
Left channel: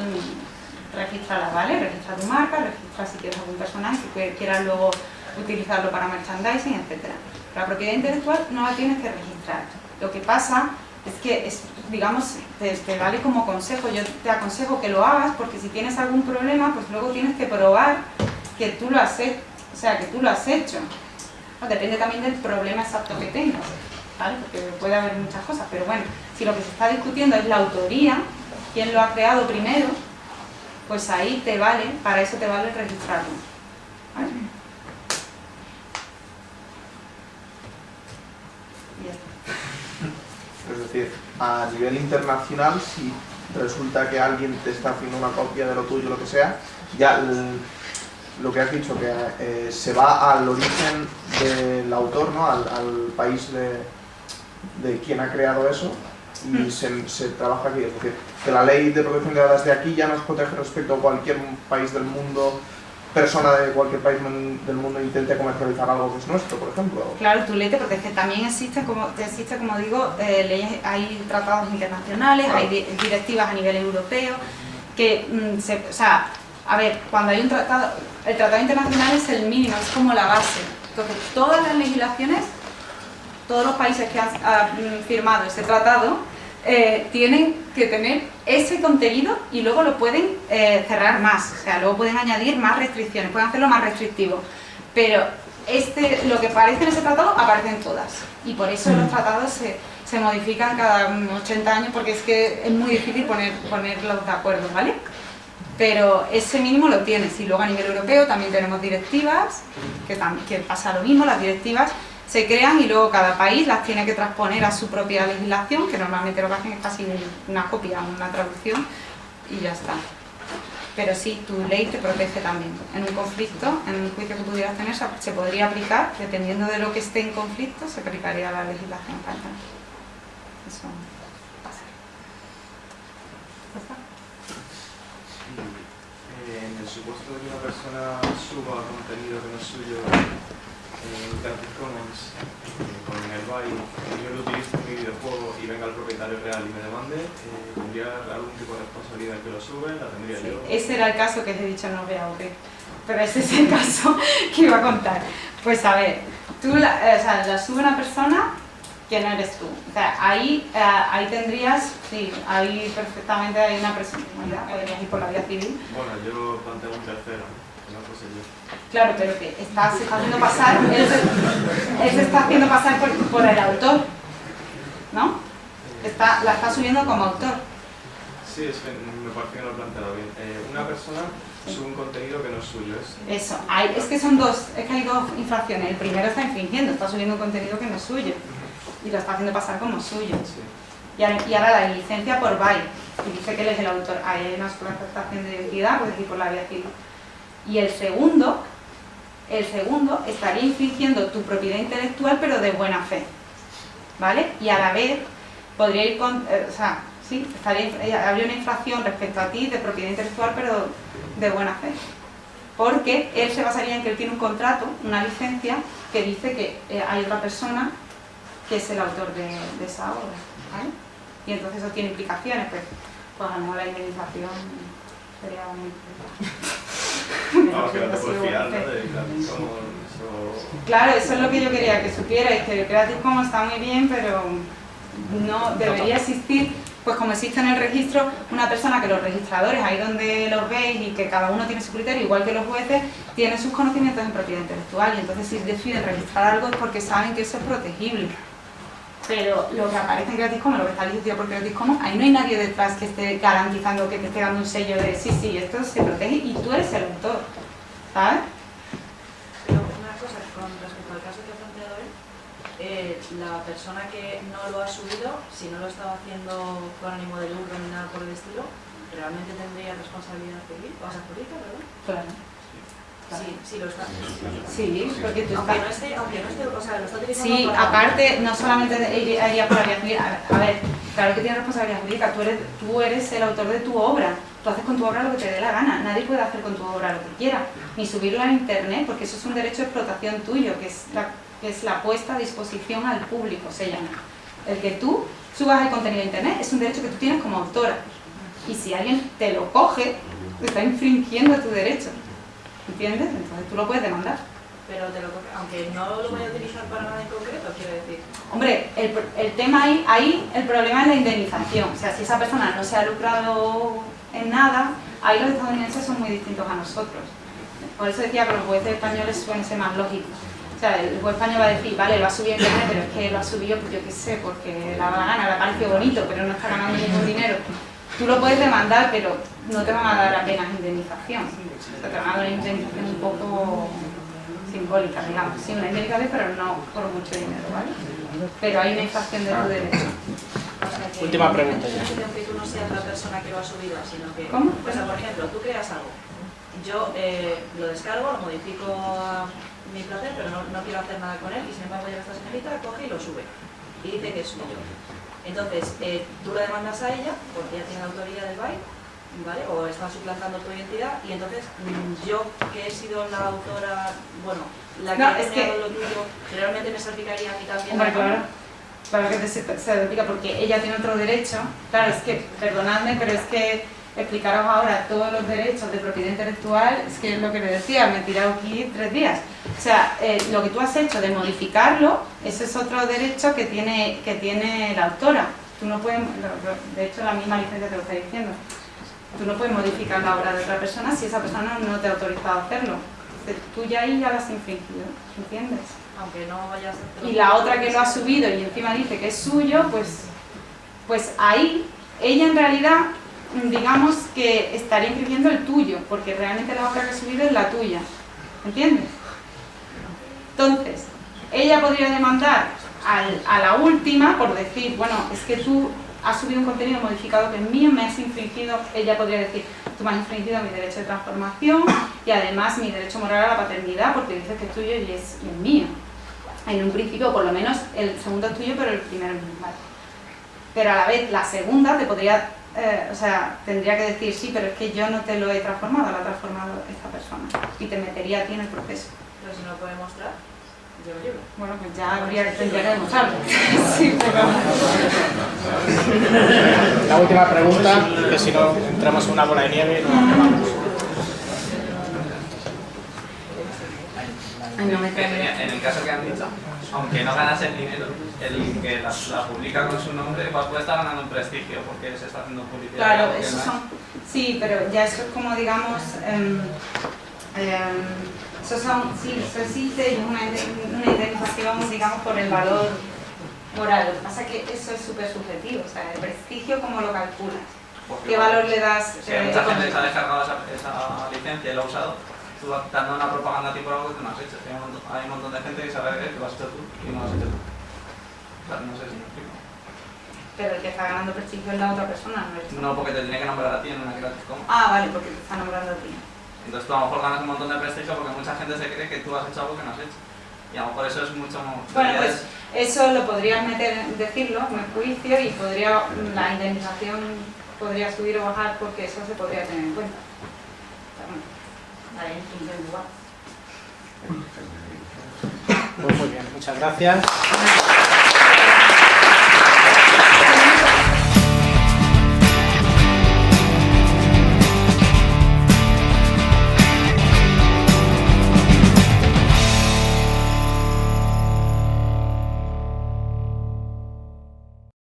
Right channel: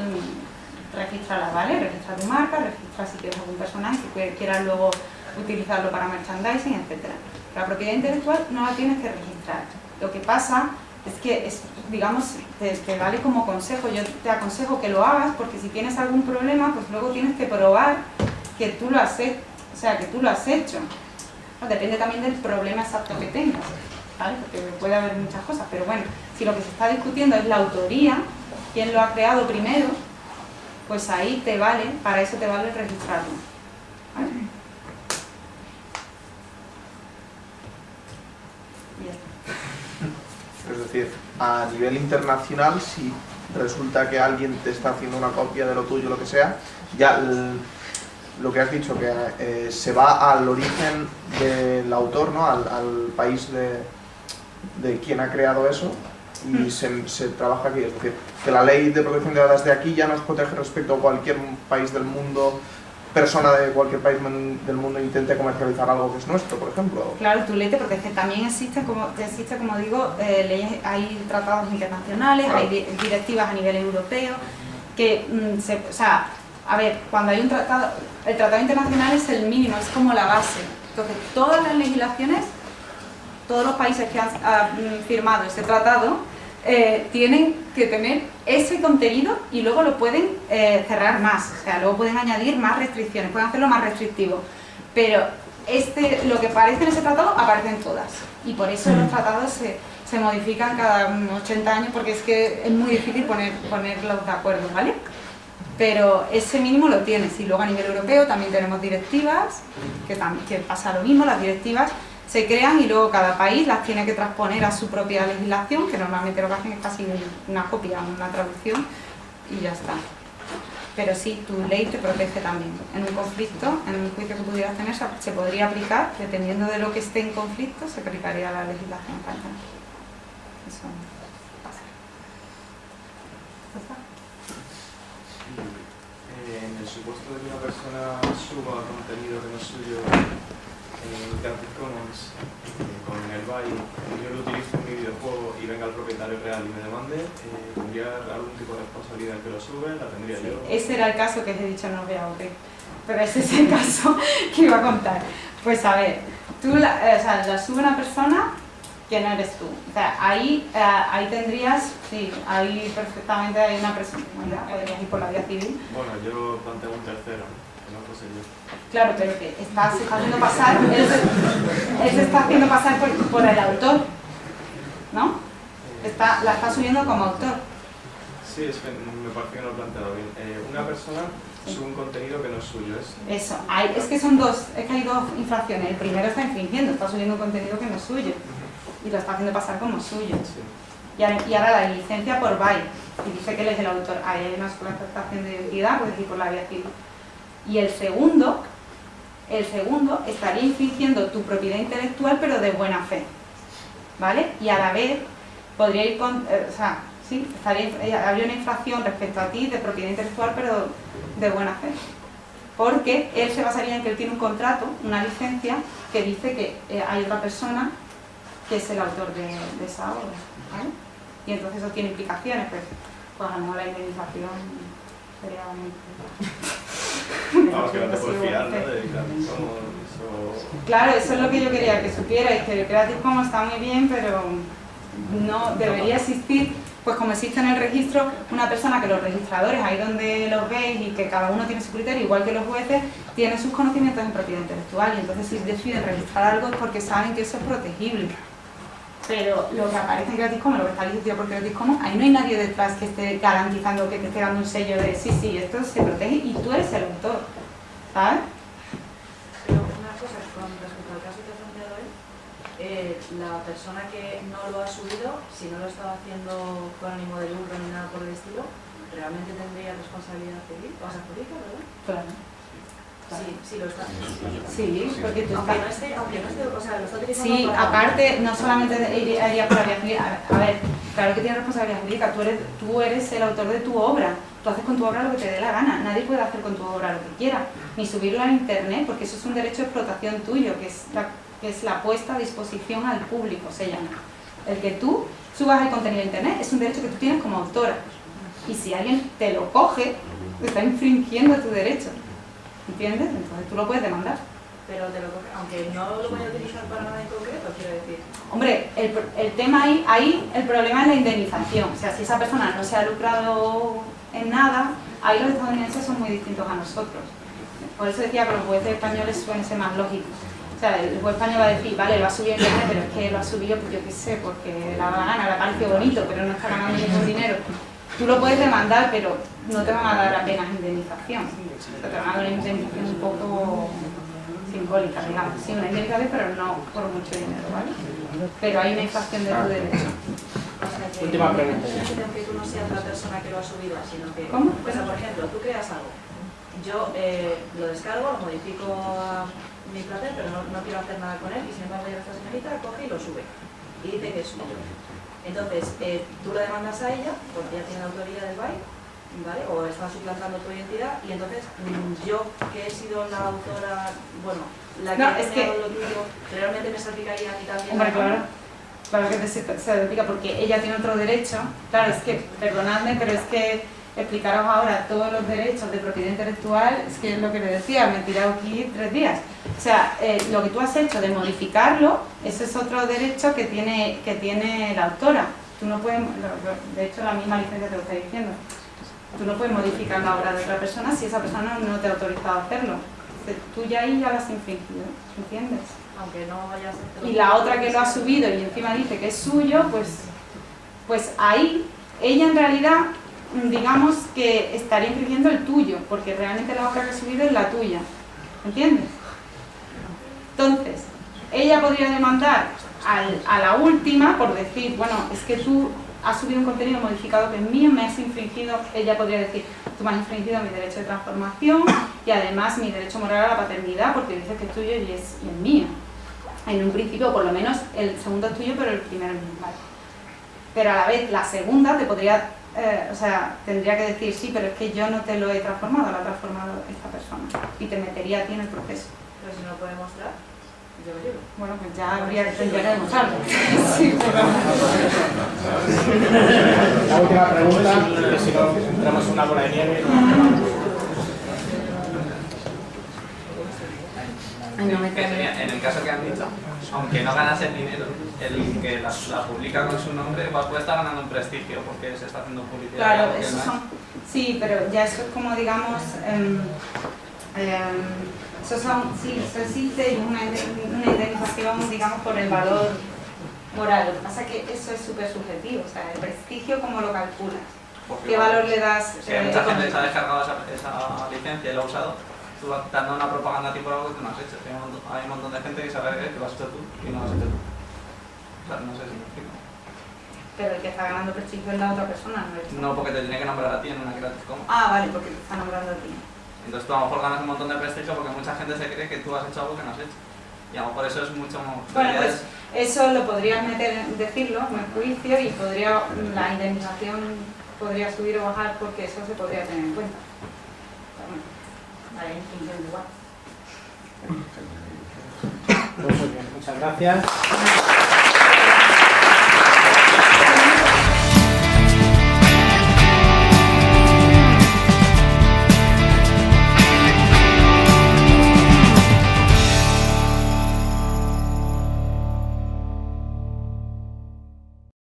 regístrala, ¿vale? Registra tu marca, registra si quieres algún personaje, si quieras luego utilizarlo para merchandising, etc. La propiedad intelectual no la tienes que registrar. Lo que pasa es que, digamos, te vale como consejo. Yo te aconsejo que lo hagas porque si tienes algún problema, pues luego tienes que probar que tú lo has hecho. O sea, que tú lo has hecho. No, depende también del problema exacto que tengas, ¿vale? Porque puede haber muchas cosas. Pero bueno, si lo que se está discutiendo es la autoría, quién lo ha creado primero, pues ahí te vale, para eso te vale registrarlo, ¿vale? Es decir, a nivel internacional, si resulta que alguien te está haciendo una copia de lo tuyo, lo que sea, ya lo que has dicho, que se va al origen del autor, ¿no? al país de quien ha creado eso, y se trabaja aquí. Es decir, que la ley de protección de datos de aquí ya nos protege respecto a cualquier país del mundo, persona de cualquier país del mundo intente comercializar algo que es nuestro, por ejemplo. Claro, tu ley te protege. También existe, como digo, leyes, hay tratados internacionales, hay directivas a nivel europeo, que, o sea, a ver, cuando hay un tratado, el tratado internacional es el mínimo, es como la base. Entonces, todas las legislaciones, todos los países que han firmado ese tratado, tienen que tener ese contenido y luego lo pueden cerrar más, o sea, luego pueden añadir más restricciones, pueden hacerlo más restrictivo, pero lo que aparece en ese tratado aparece en todas y por eso los tratados se modifican cada 80 años porque es que es muy difícil ponerlos de acuerdo, ¿vale? Pero ese mínimo lo tienes y luego a nivel europeo también tenemos directivas, que pasa lo mismo, las directivas se crean y luego cada país las tiene que transponer a su propia legislación, que normalmente lo que hacen es casi una copia, una traducción, y ya está. Pero sí, tu ley te protege también. En un conflicto, en un juicio que pudieras tener, se podría aplicar, dependiendo de lo que esté en conflicto, se aplicaría la legislación catalana. Eso pasa. ¿Está? En el supuesto de que una persona suba contenido que no es suyo en Creative Commons con el byte, yo lo utilizo en mi videojuego y venga el propietario real y me demande, ¿tendría algún tipo de responsabilidad que lo sube? ¿La tendría yo? Ese era el caso que os he dicho, no os voy a aburrir, pero ese es el caso que iba a contar. Pues a ver, tú la sube una persona que no eres tú. O sea, ahí tendrías, sí, ahí perfectamente hay una persona, bueno, podrías ir por la vía civil. Bueno, yo planteo un tercero, que no fuese yo. Claro, pero que se está haciendo pasar, él se está haciendo pasar por el autor, ¿no? La está subiendo como autor. Sí, es que me parece que no lo he planteado bien. Una persona sube un contenido que no es suyo. Eso, es que hay dos infracciones. El primero está infringiendo, está subiendo un contenido que no es suyo y lo está haciendo pasar como suyo. Sí. Y ahora la licencia por byte, y dice que él es el autor. Ahí hay una suplantación de identidad, puedes ir por la vía civil. Y el segundo estaría infringiendo tu propiedad intelectual, pero de buena fe, ¿vale? Y a la vez podría ir con, sí, habría una infracción respecto a ti de propiedad intelectual, pero de buena fe, porque él se basaría en que él tiene un contrato, una licencia, que dice que hay otra persona que es el autor de esa obra, ¿vale? Y entonces eso tiene implicaciones, pues a lo mejor la indemnización sería muy... Vamos, que no te puedes fiar, ¿no? Claro, eso es lo que yo quería que supierais, que el Creative Commons está muy bien, pero no debería existir, pues como existe en el registro, una persona que los registradores, ahí donde los veis y que cada uno tiene su criterio, igual que los jueces, tienen sus conocimientos en propiedad intelectual, y entonces si deciden registrar algo es porque saben que eso es protegible. Pero lo que aparece en Creative Commons, lo que está licenciado por Creative Commons, ahí no hay nadie detrás que esté garantizando, que te esté dando un sello de sí, esto se protege y tú eres el autor, ¿sabes? Pero una cosa, con respecto al caso que ha planteado él, la persona que no lo ha subido, si no lo estaba haciendo con ánimo de lucro ni nada por el estilo, ¿realmente tendría responsabilidad civil? O sea, jurídica, ¿verdad? Claro. Sí, lo está. Sí, porque tú aunque no esté, o sea, lo está utilizando. Sí, para... aparte, no solamente iría por la vía civil. A ver, claro que tienes responsabilidad jurídica, tú eres el autor de tu obra, tú haces con tu obra lo que te dé la gana, nadie puede hacer con tu obra lo que quiera, ni subirlo a internet, porque eso es un derecho de explotación tuyo, que es la puesta a disposición al público, se llama. El que tú subas el contenido a internet es un derecho que tú tienes como autora, y si alguien te lo coge, te está infringiendo tu derecho. ¿Entiendes? Entonces tú lo puedes demandar. Pero aunque no lo voy a utilizar para nada en concreto, quiero decir. Hombre, el tema ahí el problema es la indemnización. O sea, si esa persona no se ha lucrado en nada, ahí los estadounidenses son muy distintos a nosotros. Por eso decía que los jueces españoles suelen ser más lógicos. O sea, el juez español va a decir, vale, lo ha subido en internet, pero es que lo ha subido, pues yo qué sé, porque le da la gana, le parece bonito, pero no está ganando ningún dinero. Tú lo puedes demandar, pero no te van a dar apenas indemnización. O sea, te van a dar una indemnización un poco simbólica, digamos. Sí, una indemnización, pero no por mucho dinero, ¿vale? Pero hay una infracción de tu derecho. Última pregunta. Que tú no seas la persona que lo ha subido, sino que... ¿Cómo? Pues, por ejemplo, tú creas algo. Yo lo descargo, lo modifico a mi placer, pero no quiero hacer nada con él, y sin embargo ya esta señorita coge y lo sube. Y dice que es suyo. Entonces, tú la demandas a ella, porque ella tiene la autoría del byte, ¿vale? O está suplantando tu identidad, y entonces yo, que he sido la autora, bueno, la que ha creado lo tuyo, realmente me salpicaría a mí también. Hombre, claro que se salpica, porque ella tiene otro derecho. Claro, es que, perdonadme, pero es que explicaros ahora todos los derechos de propiedad intelectual, es que es lo que le decía, me he tirado aquí 3 días. O sea, lo que tú has hecho de modificarlo, ese es otro derecho que tiene la autora. Tú no puedes, de hecho la misma licencia te lo está diciendo, tú no puedes modificar la obra de otra persona si esa persona no te ha autorizado a hacerlo. Tú ya ahí ya lo has infringido, ¿entiendes? Aunque no vayas a hacer... Y la otra que lo ha subido y encima dice que es suyo, pues ahí ella en realidad, digamos que estaría infringiendo el tuyo, porque realmente la obra que ha subido es la tuya, ¿entiendes? Entonces, ella podría demandar a la última por decir, bueno, es que tú has subido un contenido modificado que es mío, me has infringido, ella podría decir, tú me has infringido mi derecho de transformación y además mi derecho moral a la paternidad porque dices que es tuyo y es mío. En un principio, por lo menos, el segundo es tuyo, pero el primero es mío, ¿vale? Pero a la vez, la segunda te podría, tendría que decir, sí, pero es que yo no te lo he transformado, lo ha transformado esta persona y te metería a ti en el proceso. Pero si no lo puede mostrar, yo lo llevo. Bueno, pues ya tendría que demostrarlo. Sí, pero... La última pregunta, que si no entramos en una bola de nieve y no acabamos. En el caso que han dicho, aunque no ganas el dinero, el que la publica con su nombre puede estar ganando un prestigio porque se está haciendo publicidad. Claro, eso son... Sí, pero ya eso es como, digamos... eso existe y es una indemnización, digamos, por el valor moral. Lo que pasa es que eso es súper subjetivo, o sea, el prestigio, ¿cómo lo calculas? Porque ¿Qué valor le das? Si hay mucha gente que se ha descargado esa licencia y lo ha usado, tú vas dando una propaganda a ti por algo que tú no has hecho. Hay un montón de gente que sabe que lo has hecho tú y no lo has hecho tú. O sea, no sé si me explico. Pero el que está ganando prestigio es la otra persona, no eres tú. No, porque te tiene que nombrar a ti en una Creative Commons. Ah, vale, porque te está nombrando a ti. Entonces tú a lo mejor ganas un montón de prestigio porque mucha gente se cree que tú has hecho algo que no has hecho. Y a lo mejor eso es mucho más... Bueno, pues eso lo podrías decirlo en el juicio y la indemnización podría subir o bajar porque eso se podría tener en cuenta. Pero bueno, la indemnización igual. Pues muy bien, muchas gracias.